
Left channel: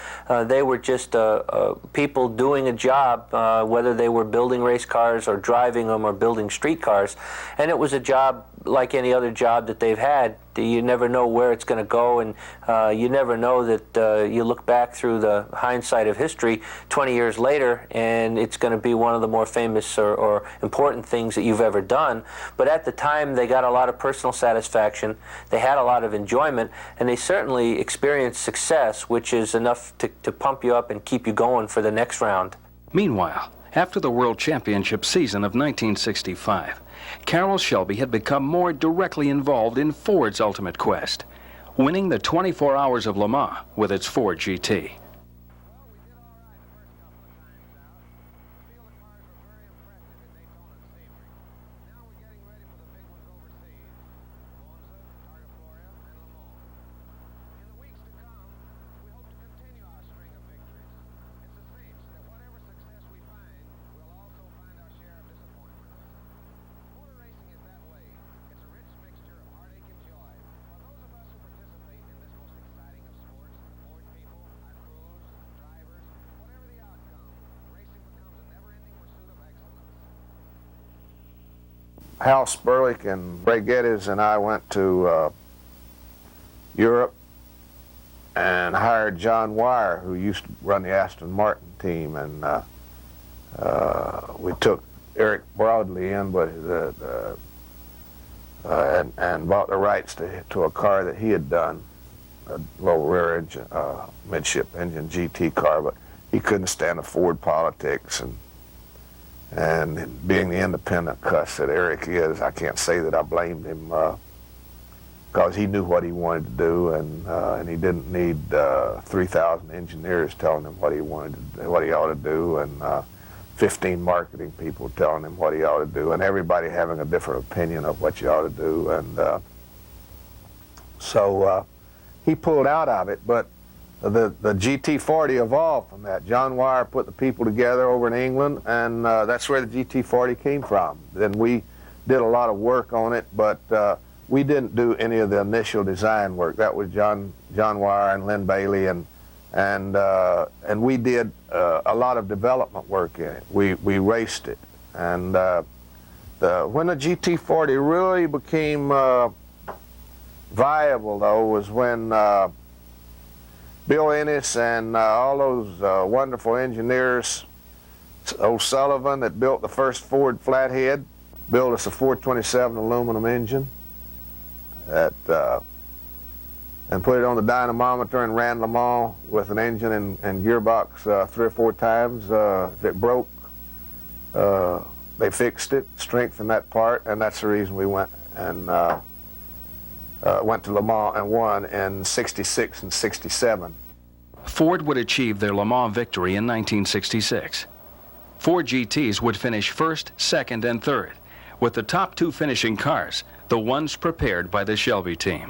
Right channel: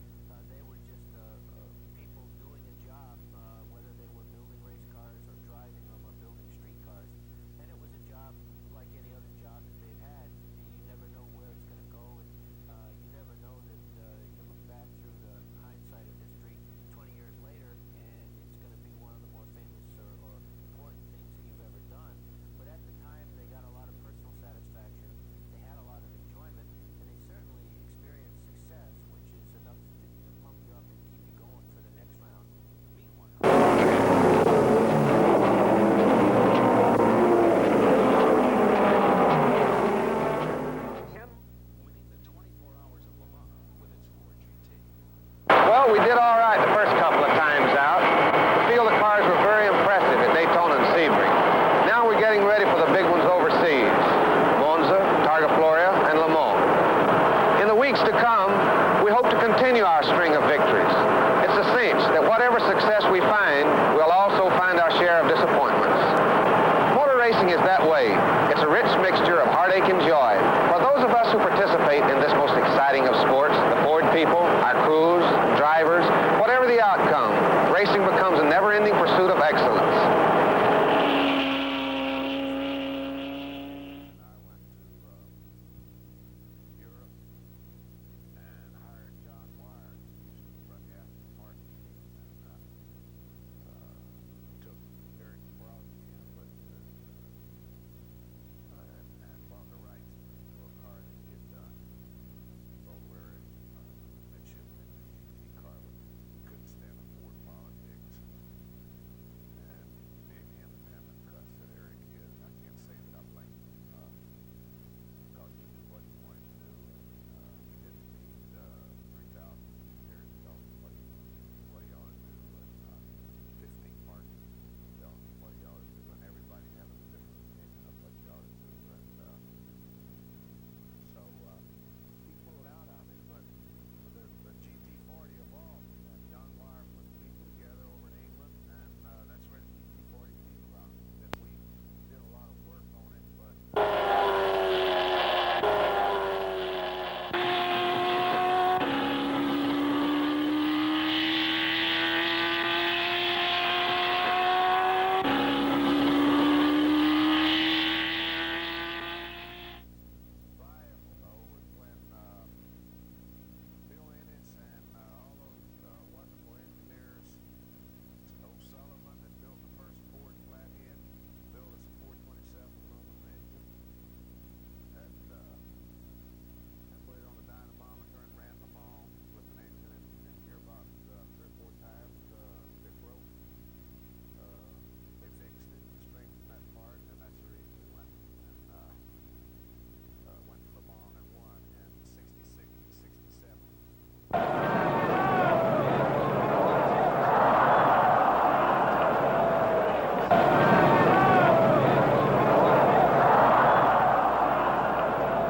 they were just people doing a job, whether they were building race cars or driving them or building street cars. And it was a job like any other job that they've had. You never know where it's going to go, and you never know that you look back through the hindsight of history 20 years later, and it's going to be one of the more famous or important things that you've ever done. But at the time, they got a lot of personal satisfaction, they had a lot of enjoyment, and they certainly experienced success, which is enough to pump you up and keep you going for the next round. Meanwhile, after the World Championship season of 1965, Carroll Shelby had become more directly involved in Ford's ultimate quest, winning the 24 Hours of Le Mans with its Ford GT. Well, we did all right the first couple of times out. The field of cars were very impressive at Daytona and Sebring. Now we're getting ready for the big ones overseas, Monza, Targa Florio, and Le Mans. In the weeks to come, we hope to continue our string of victories. It's a cinch that whatever success we find, we'll also find our share of disappointments. Motor racing is that way. It's a rich mixture of heartache and joy. For those of us who participate in this most exciting of sports, the Ford people, our crews, drivers, whatever the outcome, racing becomes a never-ending pursuit of excellence. Hal Sperlich and Ray Geddes and I went to Europe and hired John Wire, who used to run the Aston Martin team, and we took Eric Broadley in, but and bought the rights to a car that he had done, a low rear engine, midship engine GT car, but he couldn't stand the Ford politics, and being the independent cuss that Eric is, I can't say that I blamed him, because he knew what he wanted to do, and he didn't need 3,000 engineers telling him what he ought to do, and 15 marketing people telling him what he ought to do, and everybody having a different opinion of what you ought to do, and so he pulled out of it. But the GT40 evolved from that. John Wire put the people together over in England, and that's where the GT40 came from. Then we did a lot of work on it, but we didn't do any of the initial design work. That was John Wire and Lynn Bailey, and we did a lot of development work in it. We raced it, and when the GT40 really became viable, though, was when Bill Ennis and all those wonderful engineers, O'Sullivan that built the first Ford flathead, built us a 427 aluminum engine and put it on the dynamometer and ran Le Mans with an engine and gearbox 3 or 4 times. If it broke, they fixed it, strengthened that part, and that's the reason we went to Le Mans and won in '66 and '67. Ford would achieve their Le Mans victory in 1966. Ford GTs would finish first, second, and third, with the top 2 finishing cars, the ones prepared by the Shelby team.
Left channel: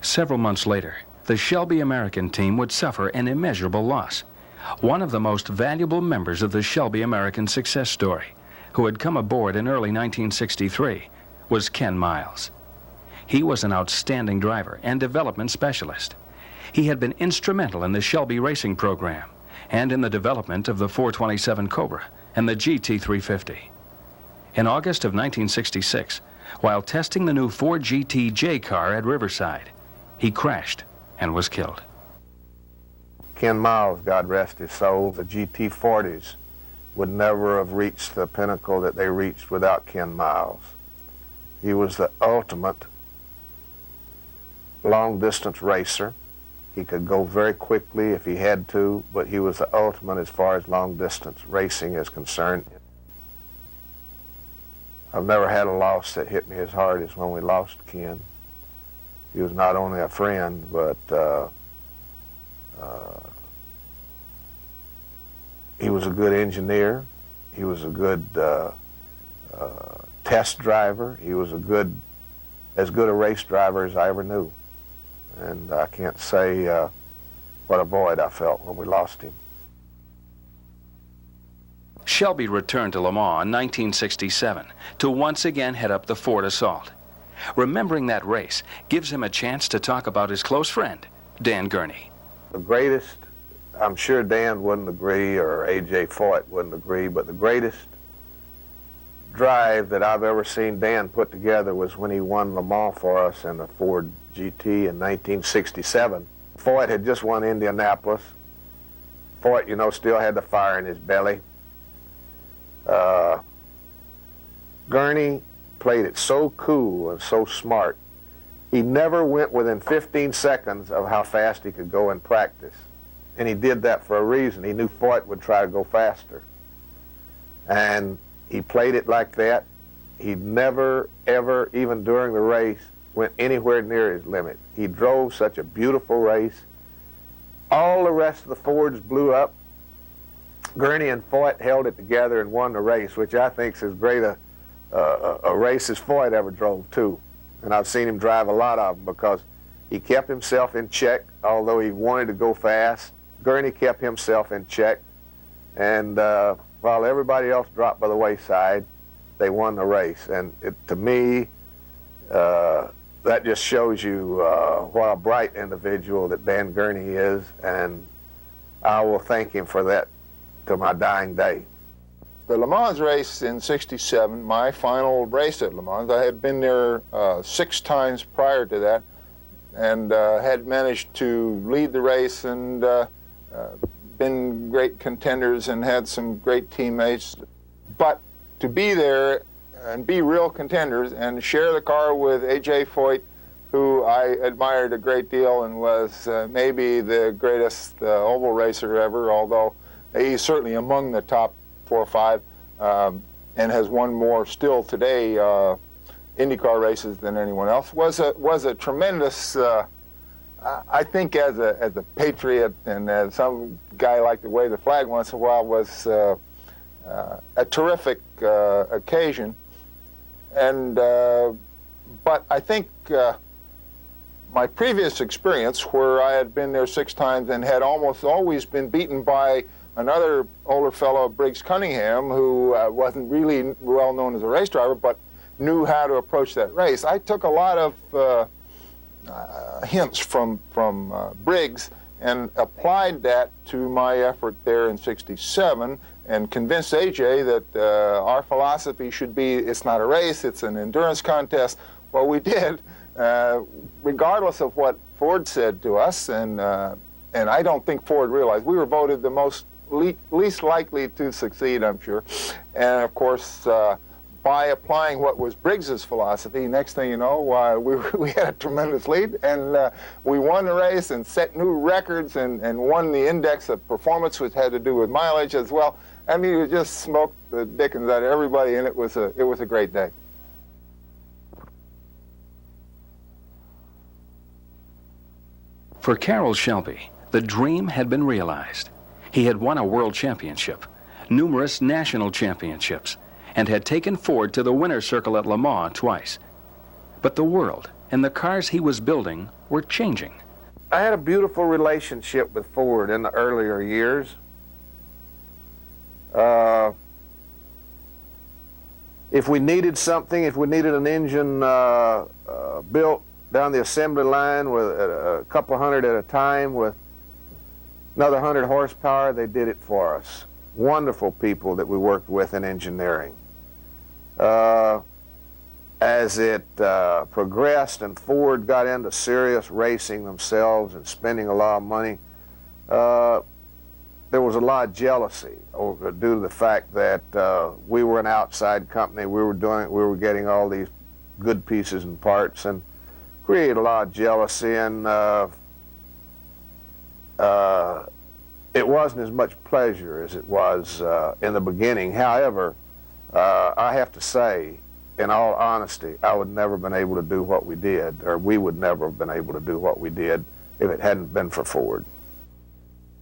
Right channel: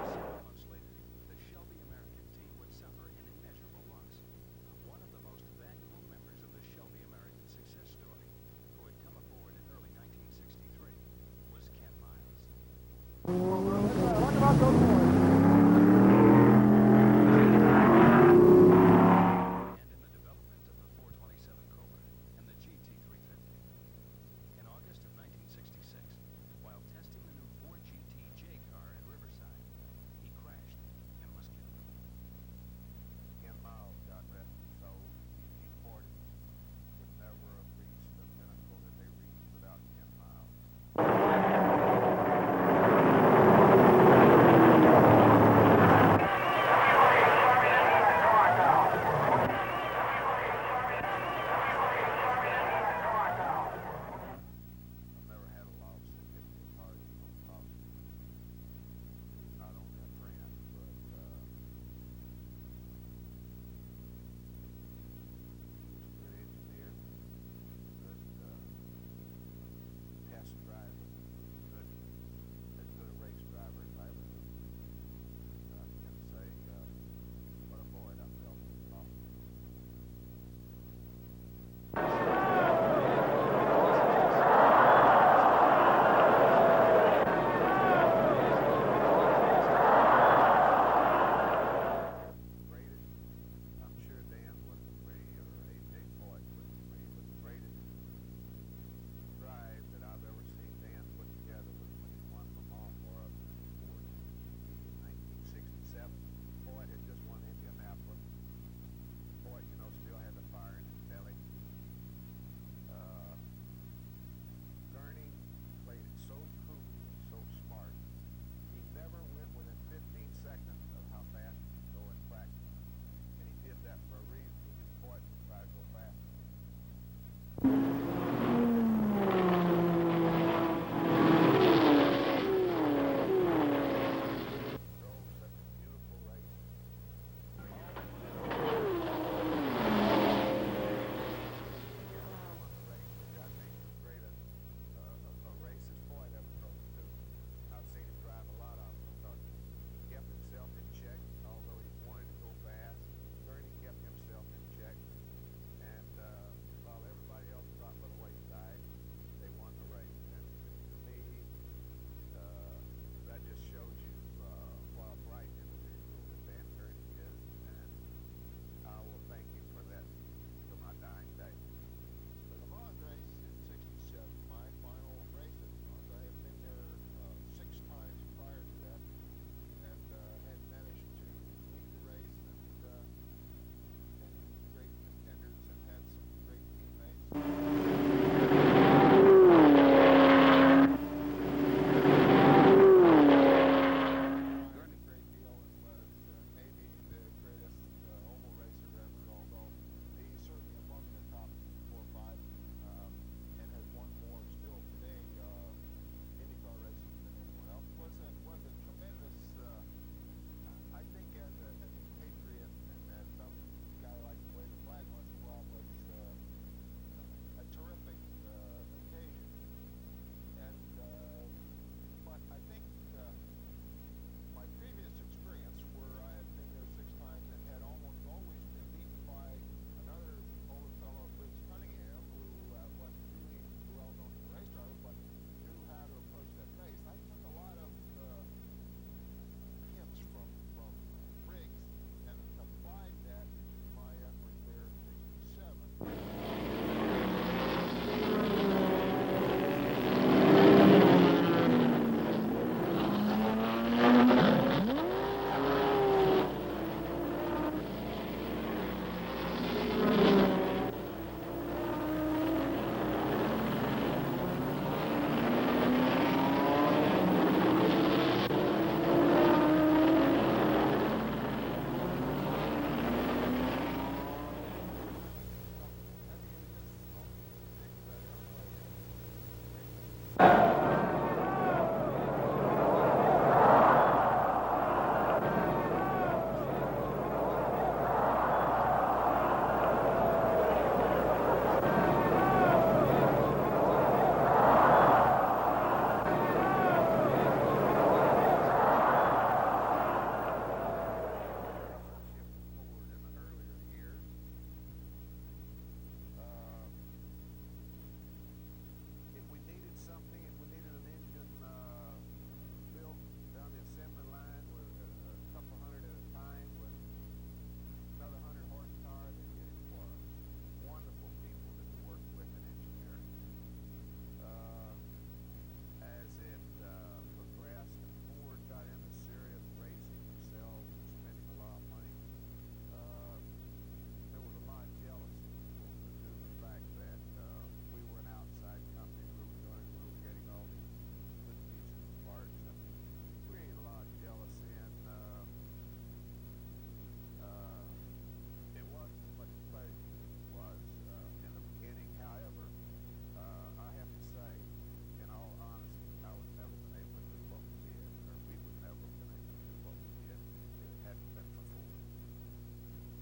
Several months later, the Shelby American team would suffer an immeasurable loss. One of the most valuable members of the Shelby American success story, who had come aboard in early 1963, was Ken Miles. He was an outstanding driver and development specialist. He had been instrumental in the Shelby racing program and in the development of the 427 Cobra and the GT350. In August of 1966, while testing the new Ford GT car at Riverside, he crashed and was killed. Ken Miles, God rest his soul, the GT40s would never have reached the pinnacle that they reached without Ken Miles. He was the ultimate long-distance racer. He could go very quickly if he had to, but he was the ultimate as far as long-distance racing is concerned. I've never had a loss that hit me as hard as when we lost Ken. He was not only a friend, but he was a good engineer. He was a good test driver. He was as good a race driver as I ever knew. And I can't say what a void I felt when we lost him. Shelby returned to Le Mans in 1967 to once again head up the Ford Assault. Remembering that race gives him a chance to talk about his close friend, Dan Gurney. The greatest, I'm sure Dan wouldn't agree or A.J. Foyt wouldn't agree, but the greatest drive that I've ever seen Dan put together was when he won Le Mans for us in the Ford GT in 1967. Foyt had just won Indianapolis. Foyt, you know, still had the fire in his belly. Gurney played it so cool and so smart. He never went within 15 seconds of how fast he could go in practice. And he did that for a reason. He knew Foyt would try to go faster. And he played it like that. He never, ever, even during the race, went anywhere near his limit. He drove such a beautiful race. All the rest of the Fords blew up. Gurney and Foyt held it together and won the race, which I think is as great a race as Foyt ever drove, too. And I've seen him drive a lot of them because he kept himself in check, although he wanted to go fast. Gurney kept himself in check. And while everybody else dropped by the wayside, they won the race. And to me, that just shows you what a bright individual that Dan Gurney is, and I will thank him for that to my dying day. The Le Mans race in '67, my final race at Le Mans, I had been there 6 times prior to that and had managed to lead the race and been great contenders and had some great teammates. But to be there, be real contenders and share the car with A.J. Foyt, who I admired a great deal and was maybe the greatest oval racer ever, although he's certainly among the top 4 or 5 and has won more still today IndyCar races than anyone else, was a tremendous, I think as a patriot and as some guy like to wave the flag once in a while, was a terrific occasion. And but I think my previous experience, where I had been there 6 times and had almost always been beaten by another older fellow, Briggs Cunningham, who wasn't really well known as a race driver, but knew how to approach that race. I took a lot of hints from Briggs and applied that to my effort there in '67 and convinced AJ that our philosophy should be, it's not a race, it's an endurance contest. Well, we did, regardless of what Ford said to us, and I don't think Ford realized. We were voted the least likely to succeed, I'm sure. And of course, by applying what was Briggs's philosophy, next thing you know, we had a tremendous lead, and we won the race and set new records and won the index of performance, which had to do with mileage as well. I mean, we just smoked the dickens out of everybody, and it was a great day. For Carroll Shelby, the dream had been realized. He had won a world championship, numerous national championships, and had taken Ford to the winner's circle at Le Mans twice. But the world and the cars he was building were changing. I had a beautiful relationship with Ford in the earlier years. if we needed something, if we needed an engine built down the assembly line with a couple hundred at a time with another 100 horsepower, they did it for us. Wonderful people that we worked with in engineering. As it progressed and Ford got into serious racing themselves and spending a lot of money, there was a lot of jealousy due to the fact that we were an outside company. We were getting all these good pieces and parts, and created a lot of jealousy, and it wasn't as much pleasure as it was in the beginning. However, I have to say, in all honesty, I would never have been able to do what we did, or we would never have been able to do what we did if it hadn't been for Ford.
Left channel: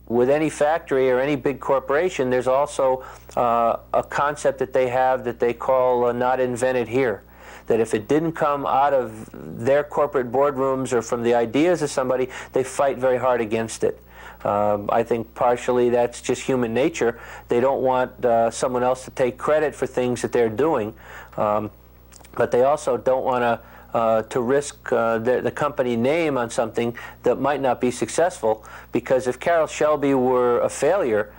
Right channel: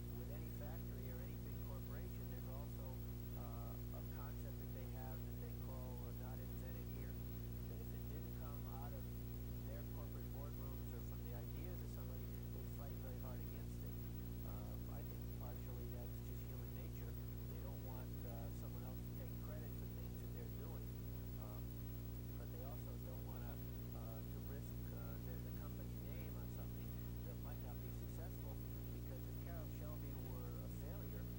With any factory or any big corporation, there's also a concept that they have that they call not invented here. That if it didn't come out of their corporate boardrooms or from the ideas of somebody, they fight very hard against it. I think partially that's just human nature. They don't want someone else to take credit for things that they're doing, but they also don't want to risk the company name on something that might not be successful, because if Carroll Shelby were a failure,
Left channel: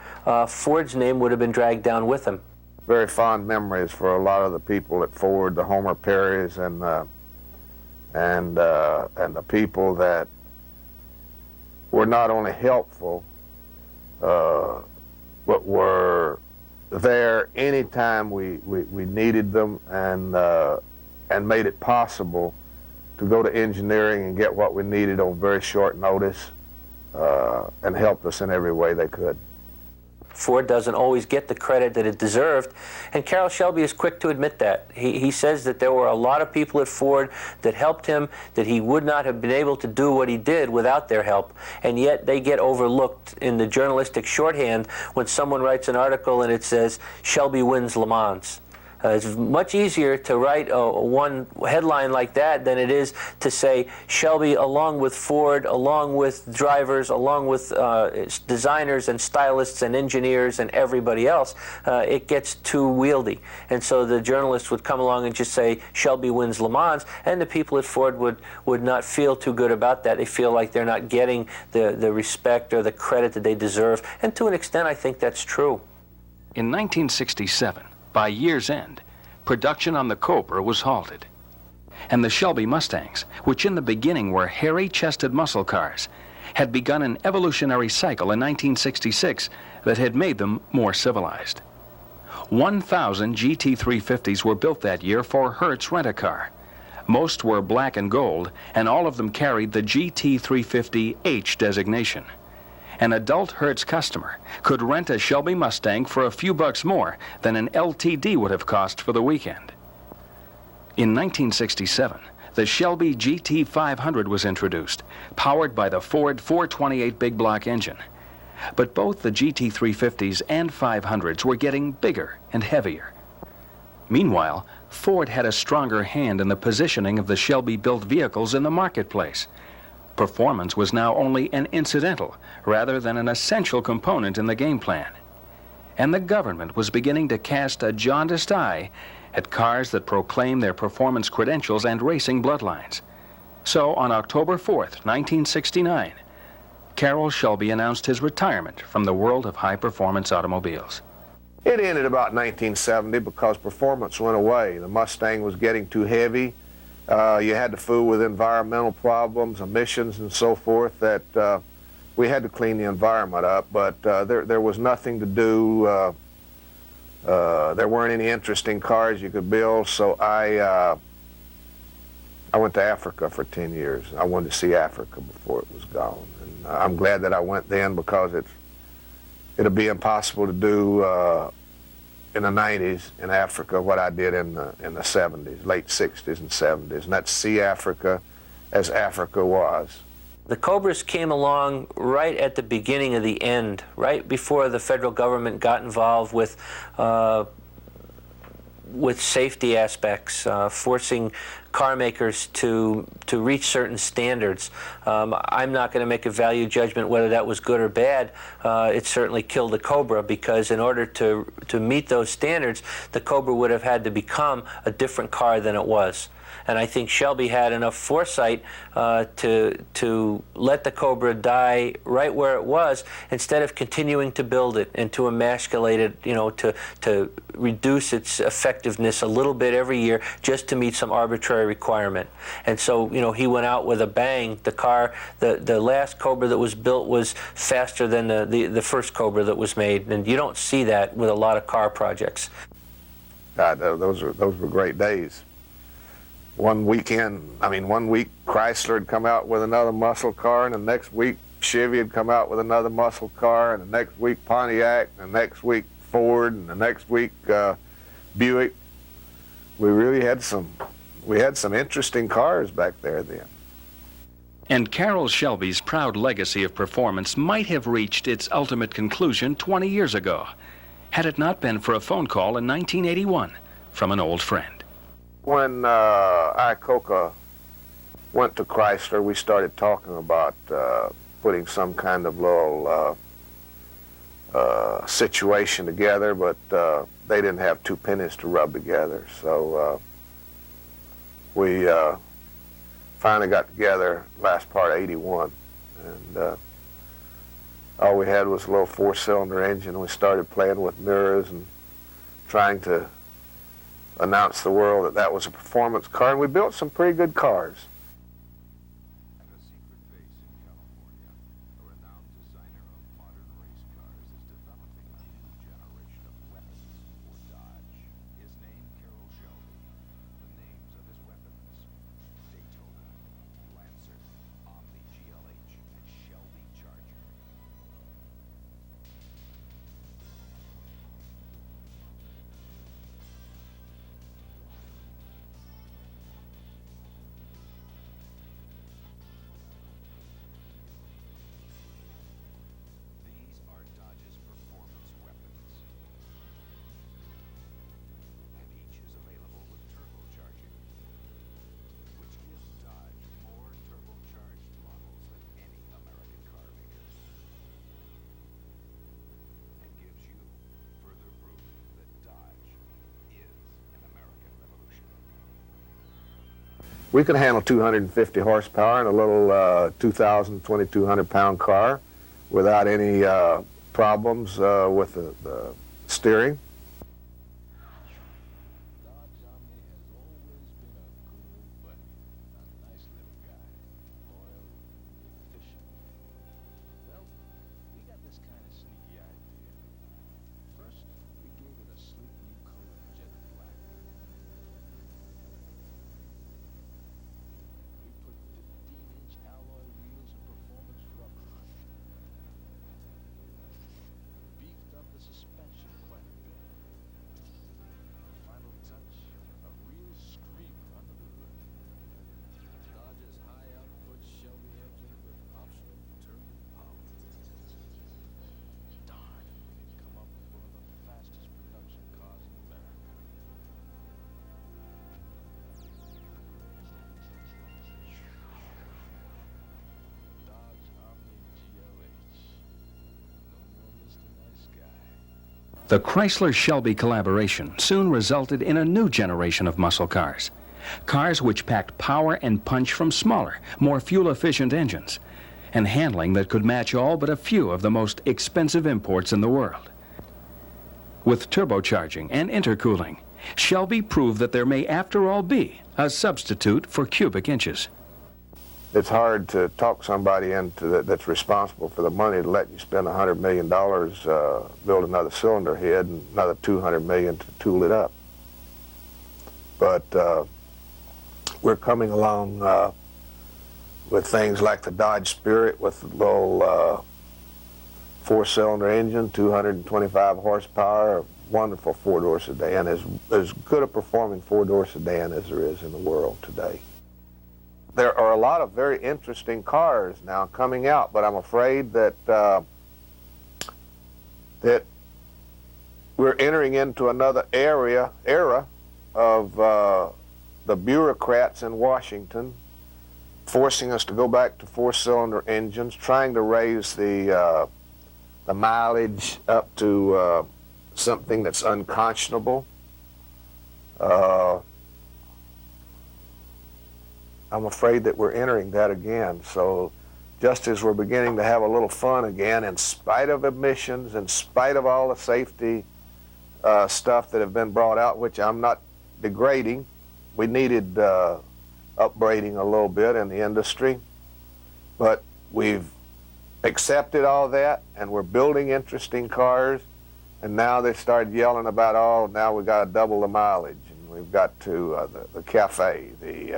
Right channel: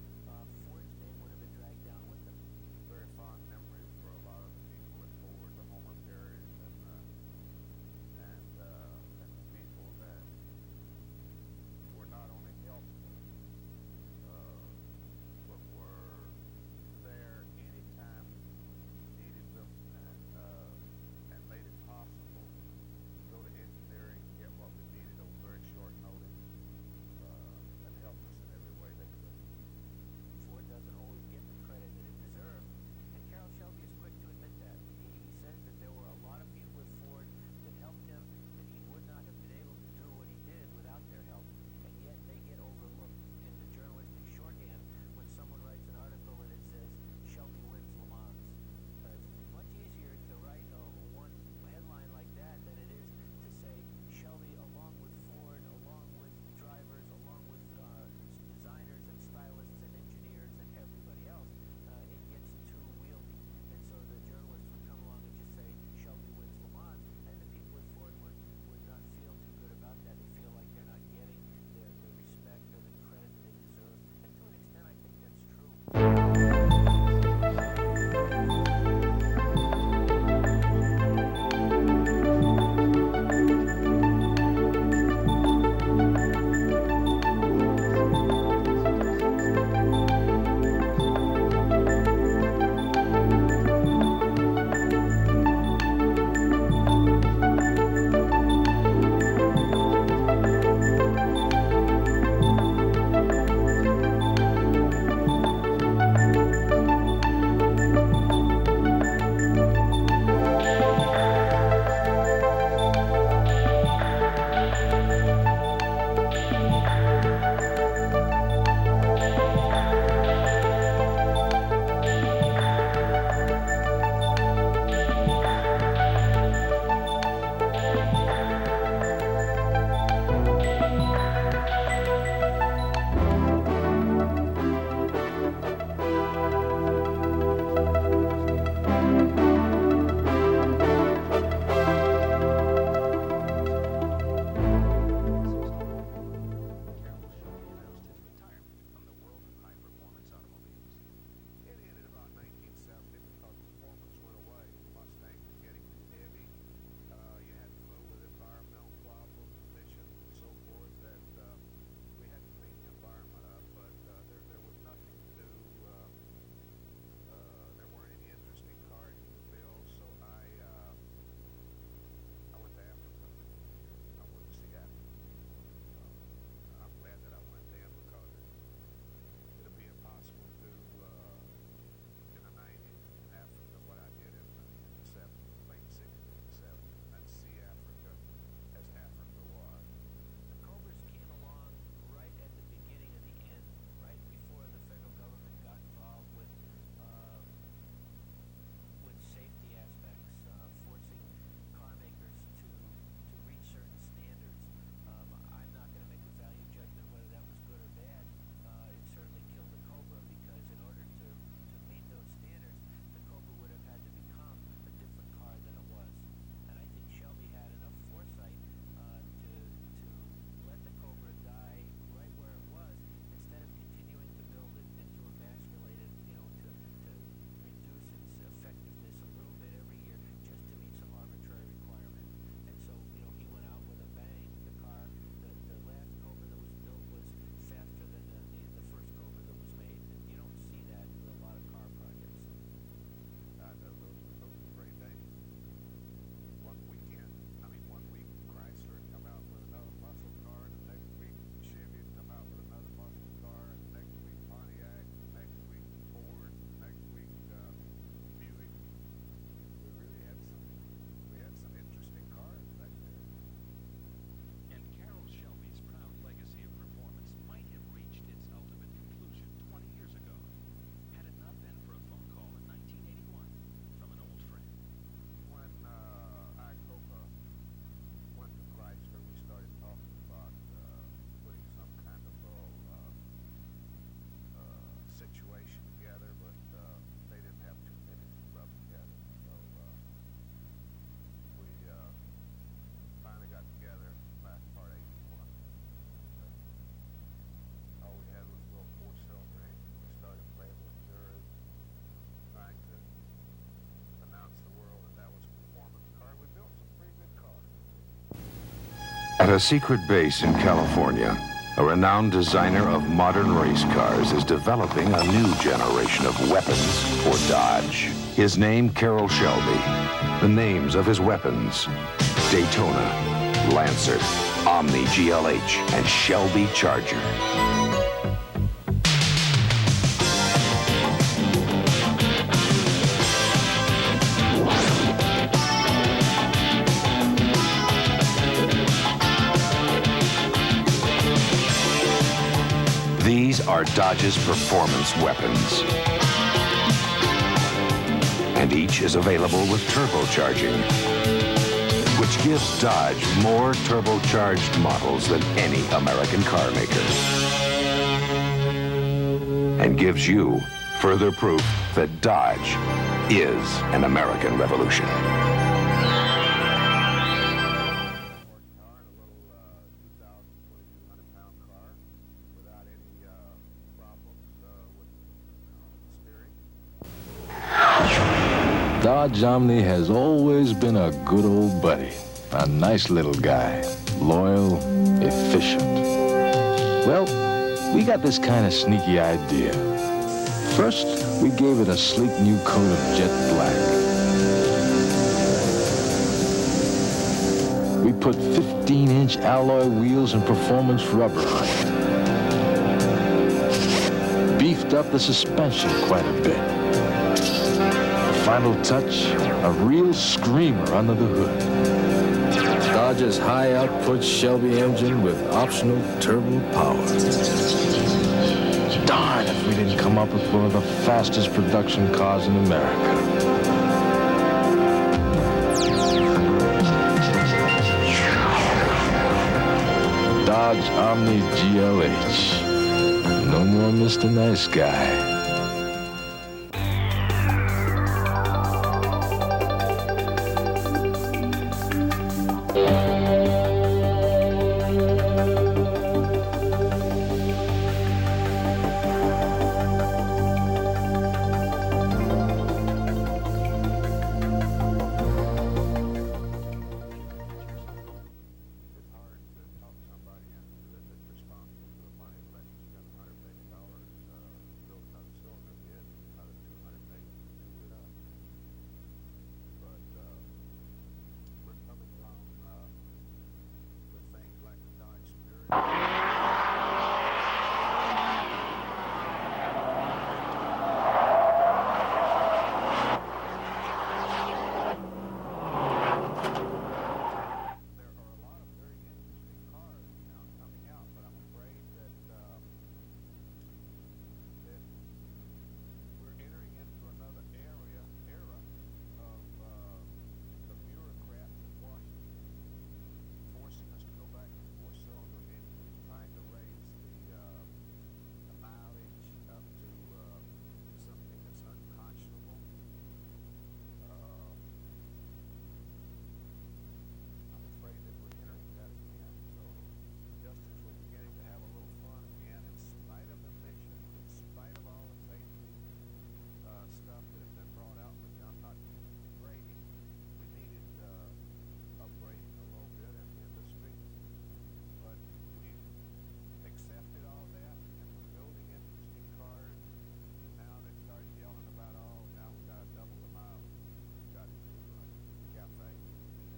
Ford's name would have been dragged down with him. Very fond memories for a lot of the people at Ford, the Homer Perrys and the people that were not only helpful, but were there anytime we needed them, and made it possible to go to engineering and get what we needed on very short notice, and helped us in every way they could. Ford doesn't always get the credit that it deserved, and Carroll Shelby is quick to admit that. He says that there were a lot of people at Ford that helped him, that he would not have been able to do what he did without their help, and yet they get overlooked in the journalistic shorthand when someone writes an article and it says, Shelby wins Le Mans. It's much easier to write one headline like that than it is to say Shelby, along with Ford, along with drivers, along with designers and stylists and engineers and everybody else. It gets too wieldy. And so the journalist would come along and just say Shelby wins Le Mans, and the people at Ford would not feel too good about that. They feel like they're not getting the respect or the credit that they deserve. And to an extent, I think that's true. In 1967, by year's end, production on the Cobra was halted. And the Shelby Mustangs, which in the beginning were hairy-chested muscle cars, had begun an evolutionary cycle in 1966 that had made them more civilized. 1,000 GT350s were built that year for Hertz Rent-A-Car. Most were black and gold, and all of them carried the GT350H designation. An adult Hertz customer could rent a Shelby Mustang for a few bucks more than an LTD would have cost for the weekend. In 1967, the Shelby GT500 was introduced, powered by the Ford 428 big block engine. But both the GT350s and 500s were getting bigger and heavier. Meanwhile, Ford had a stronger hand in the positioning of the Shelby-built vehicles in the marketplace. Performance was now only an incidental, rather than an essential component in the game plan. And the government was beginning to cast a jaundiced eye at cars that proclaim their performance credentials and racing bloodlines. So on October 4th, 1969, Carroll Shelby announced his retirement from the world of high-performance automobiles. It ended about 1970 because performance went away. The Mustang was getting too heavy. You had to fool with environmental problems, emissions, and so forth that we had to clean the environment up, but there was nothing to do. There weren't any interesting cars you could build, so I went to Africa for 10 years. I wanted to see Africa before it was gone. And I'm glad that I went then, because it'll be impossible to do in the 90s in Africa what I did in the 70s, late 60s and 70s, and that's see Africa as Africa was. The Cobras came along right at the beginning of the end, right before the federal government got involved with safety aspects, forcing car makers to reach certain standards. I'm not going to make a value judgment whether that was good or bad. It certainly killed the Cobra, because in order to meet those standards, the Cobra would have had to become a different car than it was. And I think Shelby had enough foresight to let the Cobra die right where it was, instead of continuing to build it and to emasculate it, you know, to reduce its effectiveness a little bit every year just to meet some arbitrary requirement. And so, you know, he went out with a bang. The car, the last Cobra that was built was faster than the first Cobra that was made, and you don't see that with a lot of car projects. God, those were great days. One week Chrysler would come out with another muscle car, and the next week Chevy would come out with another muscle car, and the next week Pontiac, and the next week Ford, and the next week Buick. We had some interesting cars back there then. And Carroll Shelby's proud legacy of performance might have reached its ultimate conclusion 20 years ago, had it not been for a phone call in 1981 from an old friend. When Iacocca went to Chrysler, we started talking about putting some kind of little situation together, but they didn't have two pennies to rub together. So we finally got together last part of '81, and all we had was a little four-cylinder engine. We started playing with mirrors and trying to announce to the world that that was a performance car, and we built some pretty good cars. At a secret base in California, a renowned designer of modern race cars is developing a new generation of weapons for Dodge. His name, Carroll Shelby. The names of his weapons: Daytona, Lancer, Omni GLH, and Shelby Charger. These are Dodge's performance weapons. And each is available with turbocharging, which gives Dodge more turbocharged models than any American car maker. And gives you further proof that Dodge is an American revolution. We can handle 250 horsepower in a little 2,000, 2,200 pound car without any problems with the steering. Dodge Omni has always been a good old buddy. A nice little guy. Loyal, efficient. Well, we got this kind of sneaky idea. First, we gave it a sleek new coat of jet black. We put 15-inch alloy wheels and performance rubber on it. Beefed up the suspension quite a bit. Final touch, a real screamer under the hood. Dodge's high-output Shelby engine with optional turbo power. Darn if we didn't come up with one of the fastest production cars in America. Dodge Omni GLH. No more Mr. Nice Guy. The Chrysler-Shelby collaboration soon resulted in a new generation of muscle cars. Cars which packed power and punch from smaller, more fuel-efficient engines, and handling that could match all but a few of the most expensive imports in the world. With turbocharging and intercooling, Shelby proved that there may, after all, be a substitute for cubic inches. It's hard to talk somebody into that's responsible for the money to let you spend $100 million, build another cylinder head, and another $200 million to tool it up. But we're coming along with things like the Dodge Spirit with the old four-cylinder engine, 225 horsepower, wonderful four-door sedan. As good a performing four-door sedan as there is in the world today. There are a lot of very interesting cars now coming out, but I'm afraid that that we're entering into another era of the bureaucrats in Washington forcing us to go back to four-cylinder engines, trying to raise the mileage up to something that's unconscionable. I'm afraid that we're entering that again. So just as we're beginning to have a little fun again, in spite of emissions, in spite of all the safety stuff that have been brought out, which I'm not degrading, we needed upbraiding a little bit in the industry, but we've accepted all that, and we're building interesting cars, and now they started yelling about, oh, now we got to double the mileage, and we've got to the cafe, the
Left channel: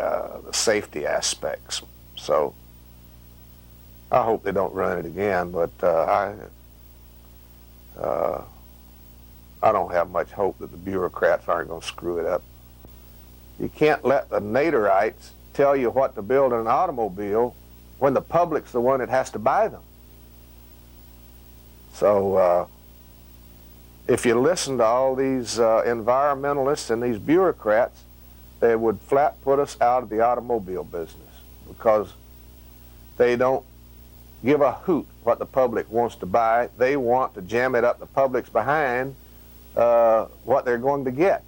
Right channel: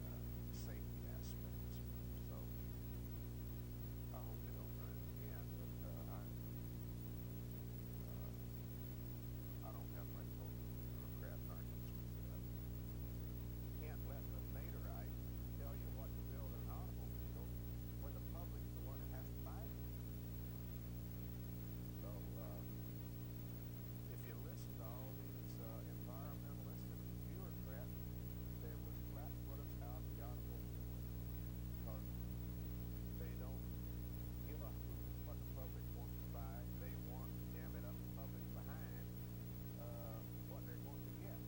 safety aspects. So I hope they don't run it again, but I don't have much hope that the bureaucrats aren't going to screw it up. You can't let the Naderites tell you what to build in an automobile when the public's the one that has to buy them. So if you listen to all these environmentalists and these bureaucrats, they would flat put us out of the automobile business, because they don't give a hoot what the public wants to buy. They want to jam it up the public's behind what they're going to get.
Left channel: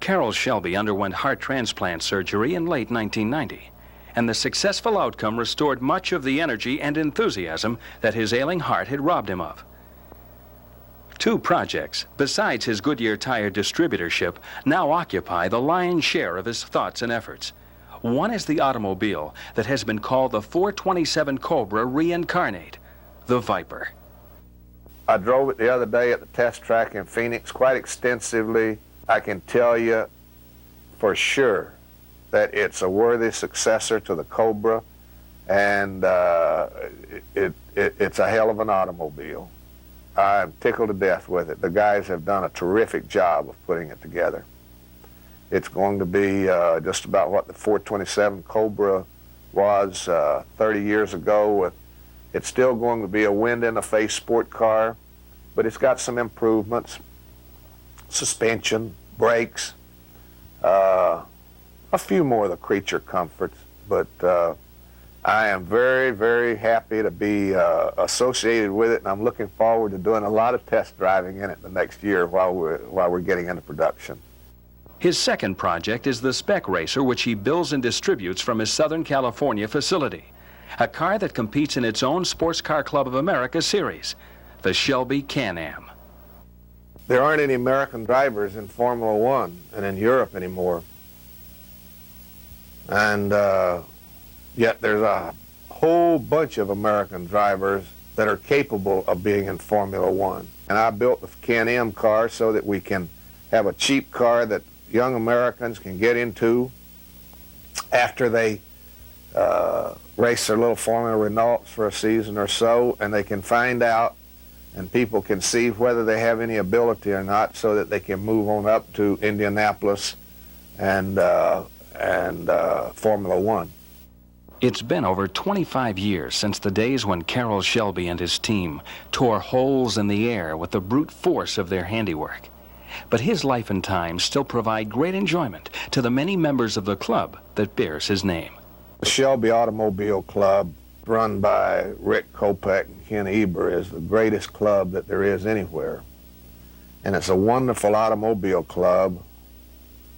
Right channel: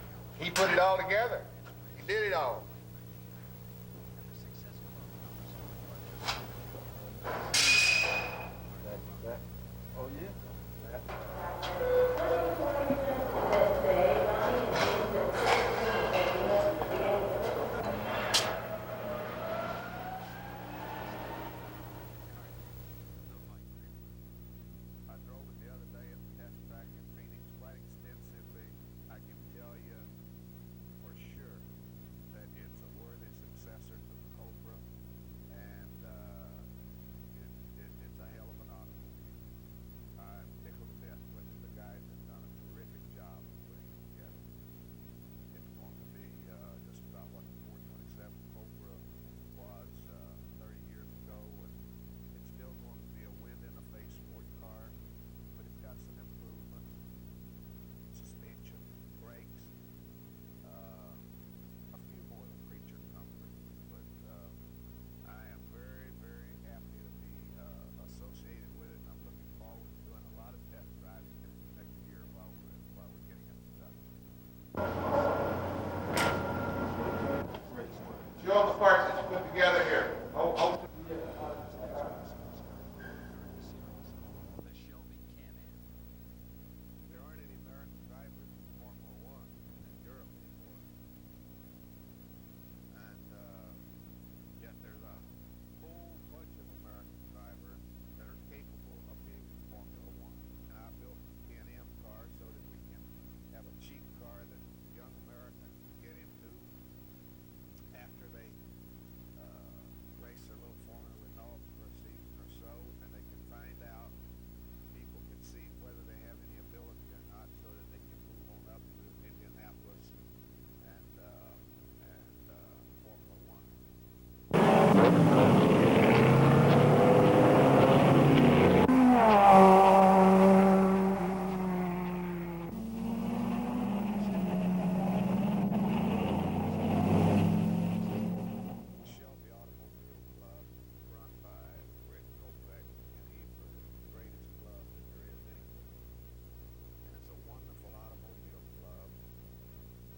Carroll Shelby underwent heart transplant surgery in late 1990, and the successful outcome restored much of the energy and enthusiasm that his ailing heart had robbed him of. 2 projects, besides his Goodyear tire distributorship, now occupy the lion's share of his thoughts and efforts. One is the automobile that has been called the 427 Cobra reincarnate, the Viper. I drove it the other day at the test track in Phoenix quite extensively. I can tell you for sure that it's a worthy successor to the Cobra, and it's a hell of an automobile. I'm tickled to death with it. The guys have done a terrific job of putting it together. It's going to be just about what the 427 Cobra was 30 years ago. It's still going to be a wind-in-the-face sport car, but it's got some improvements. Suspension, brakes, a few more of the creature comforts, but I am very, very happy to be associated with it, and I'm looking forward to doing a lot of test driving in it the next year while we're getting into production. His second project is the Spec Racer, which he builds and distributes from his Southern California facility, a car that competes in its own Sports Car Club of America series, the Shelby Can-Am. There aren't any American drivers in Formula One and in Europe anymore. And yet there's a whole bunch of American drivers that are capable of being in Formula One. And I built the Can-Am car so that we can have a cheap car that young Americans can get into after they race their little Formula Renaults for a season or so, and they can find out, and people can see whether they have any ability or not, so that they can move on up to Indianapolis and Formula One. It's been over 25 years since the days when Carroll Shelby and his team tore holes in the air with the brute force of their handiwork. But his life and time still provide great enjoyment to the many members of the club that bears his name. The Shelby Automobile Club, run by Rick Kopech and Ken Eber, is the greatest club that there is anywhere. And it's a wonderful automobile club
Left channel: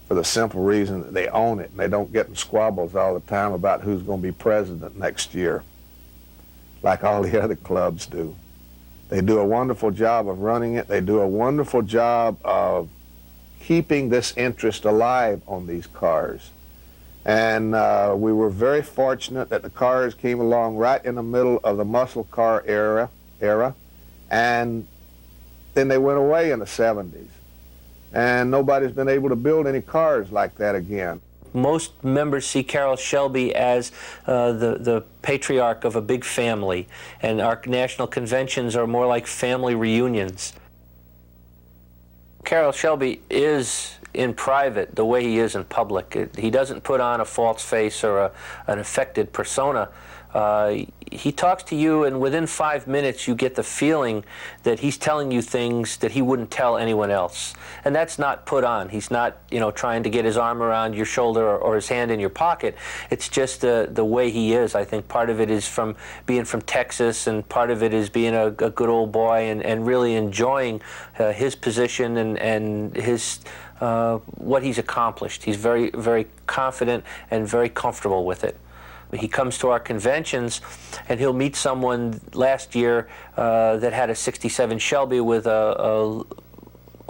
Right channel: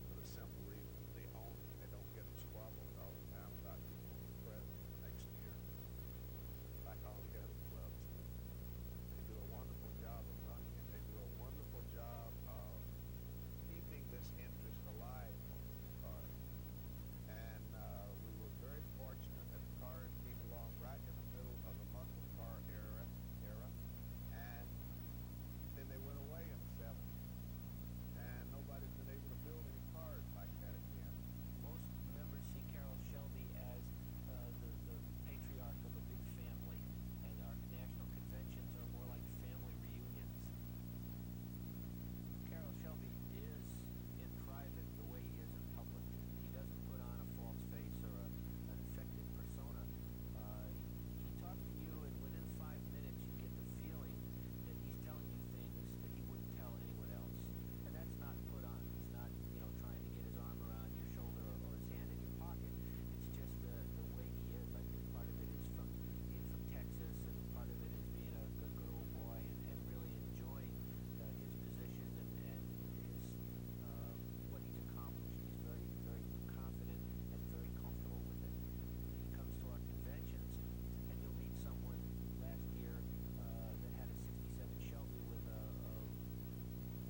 for the simple reason that they own it, and they don't get in squabbles all the time about who's going to be president next year, like all the other clubs do. They do a wonderful job of running it. They do a wonderful job of keeping this interest alive on these cars. And we were very fortunate that the cars came along right in the middle of the muscle car era, and then they went away in the 70s. And nobody's been able to build any cars like that again. Most members see Carroll Shelby as the patriarch of a big family, and our national conventions are more like family reunions. Carroll Shelby is in private the way he is in public. He doesn't put on a false face or an affected persona, he talks to you, and within 5 minutes you get the feeling that he's telling you things that he wouldn't tell anyone else. And that's not put on. He's not, you know, trying to get his arm around your shoulder or his hand in your pocket. It's just the way he is. I think part of it is from being from Texas, and part of it is being a good old boy and really enjoying his position and his what he's accomplished. He's very, very confident and very comfortable with it. He comes to our conventions, and he'll meet someone last year that had a '67 Shelby with an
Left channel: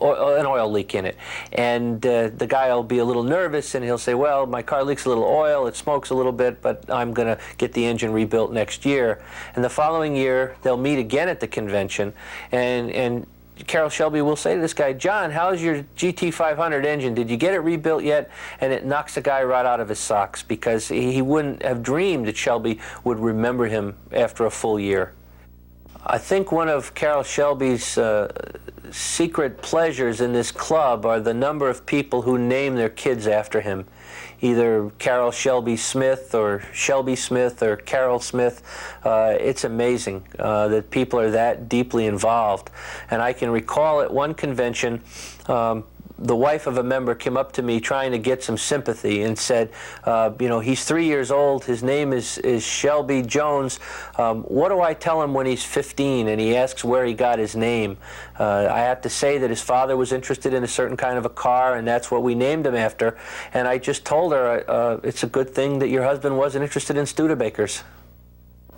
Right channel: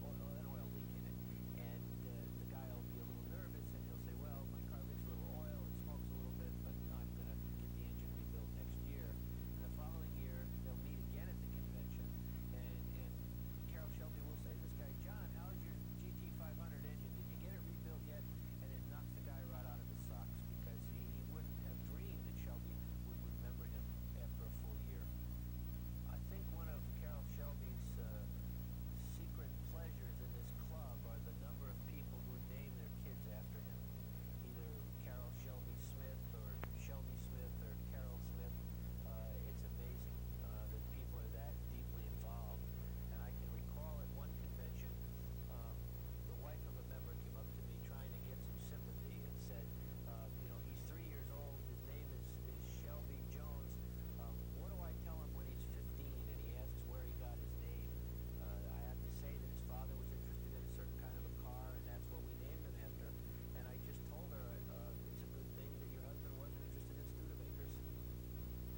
oil leak in it. And the guy will be a little nervous, and he'll say, well, my car leaks a little oil, it smokes a little bit, but I'm going to get the engine rebuilt next year. And the following year, they'll meet again at the convention, and Carroll Shelby will say to this guy, John, how's your GT500 engine? Did you get it rebuilt yet? And it knocks the guy right out of his socks, because he wouldn't have dreamed that Shelby would remember him after a full year. I think one of Carroll Shelby's secret pleasures in this club are the number of people who name their kids after him. Either Carroll Shelby Smith or Shelby Smith or Carroll Smith. It's amazing that people are that deeply involved. And I can recall at one convention, the wife of a member came up to me trying to get some sympathy and said, you know, he's 3 years old, his name is Shelby Jones. What do I tell him when he's 15 and he asks where he got his name? I have to say that his father was interested in a certain kind of a car, and that's what we named him after. And I just told her, it's a good thing that your husband wasn't interested in Studebakers.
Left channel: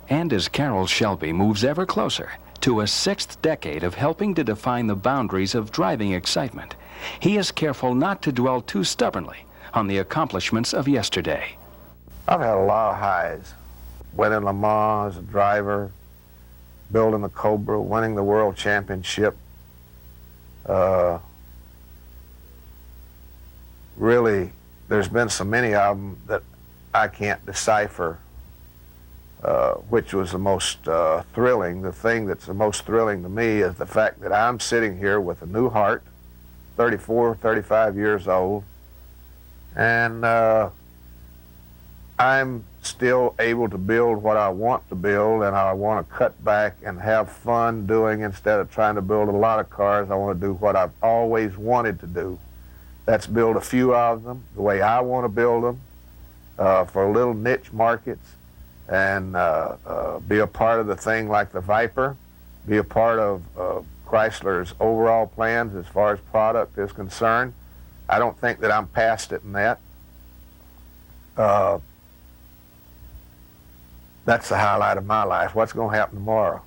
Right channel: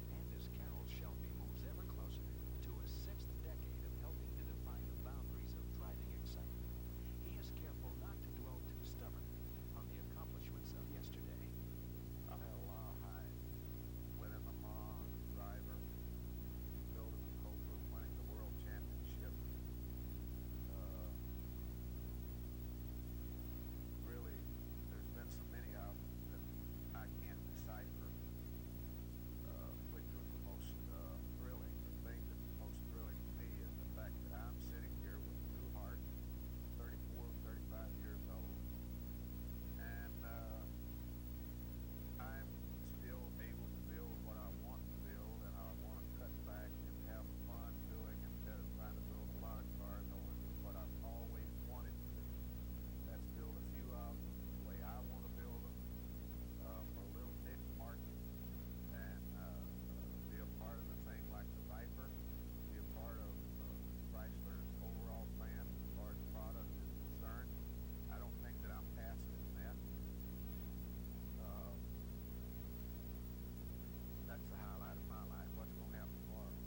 And as Carroll Shelby moves ever closer to a 6th decade of helping to define the boundaries of driving excitement, he is careful not to dwell too stubbornly on the accomplishments of yesterday. I've had a lot of highs. Winning Le Mans as a driver, building the Cobra, winning the World Championship. Really, there's been so many of them that I can't decipher which was the most thrilling. The thing that's the most thrilling to me is the fact that I'm sitting here with a new heart, 34, 35 years old, and I'm still able to build what I want to build, and I want to cut back and have fun doing, instead of trying to build a lot of cars. I want to do what I've always wanted to do. That's build a few of them the way I want to build them for little niche markets, and be a part of the thing like the Viper, be a part of Chrysler's overall plans as far as product is concerned. I don't think that I'm past it in that. That's the highlight of my life. What's going to happen tomorrow?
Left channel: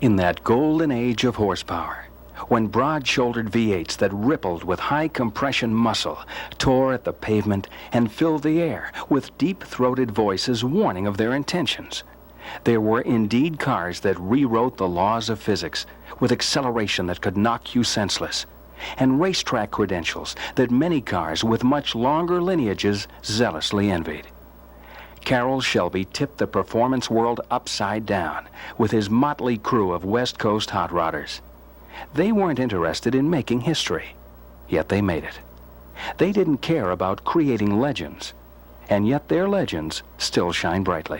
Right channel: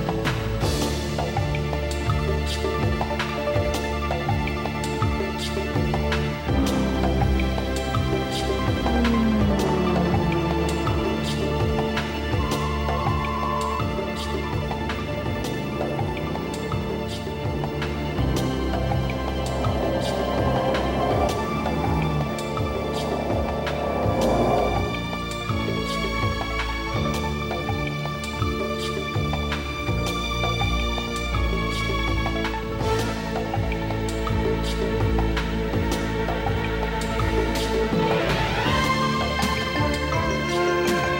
In that golden age of horsepower, when broad-shouldered V8s that rippled with high-compression muscle tore at the pavement and filled the air with deep-throated voices warning of their intentions, there were indeed cars that rewrote the laws of physics with acceleration that could knock you senseless, and racetrack credentials that many cars with much longer lineages zealously envied. Carroll Shelby tipped the performance world upside down with his motley crew of West Coast hot rodders. They weren't interested in making history, yet they made it. They didn't care about creating legends, and yet their legends still shine brightly.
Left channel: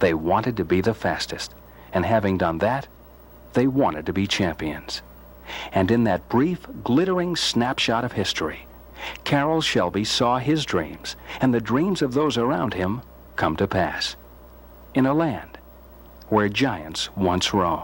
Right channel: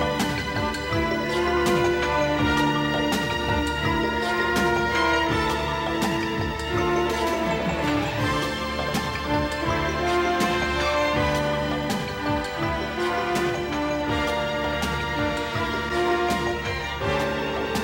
They wanted to be the fastest, and having done that, they wanted to be champions. And in that brief, glittering snapshot of history, Carroll Shelby saw his dreams and the dreams of those around him come to pass in a land where giants once roamed.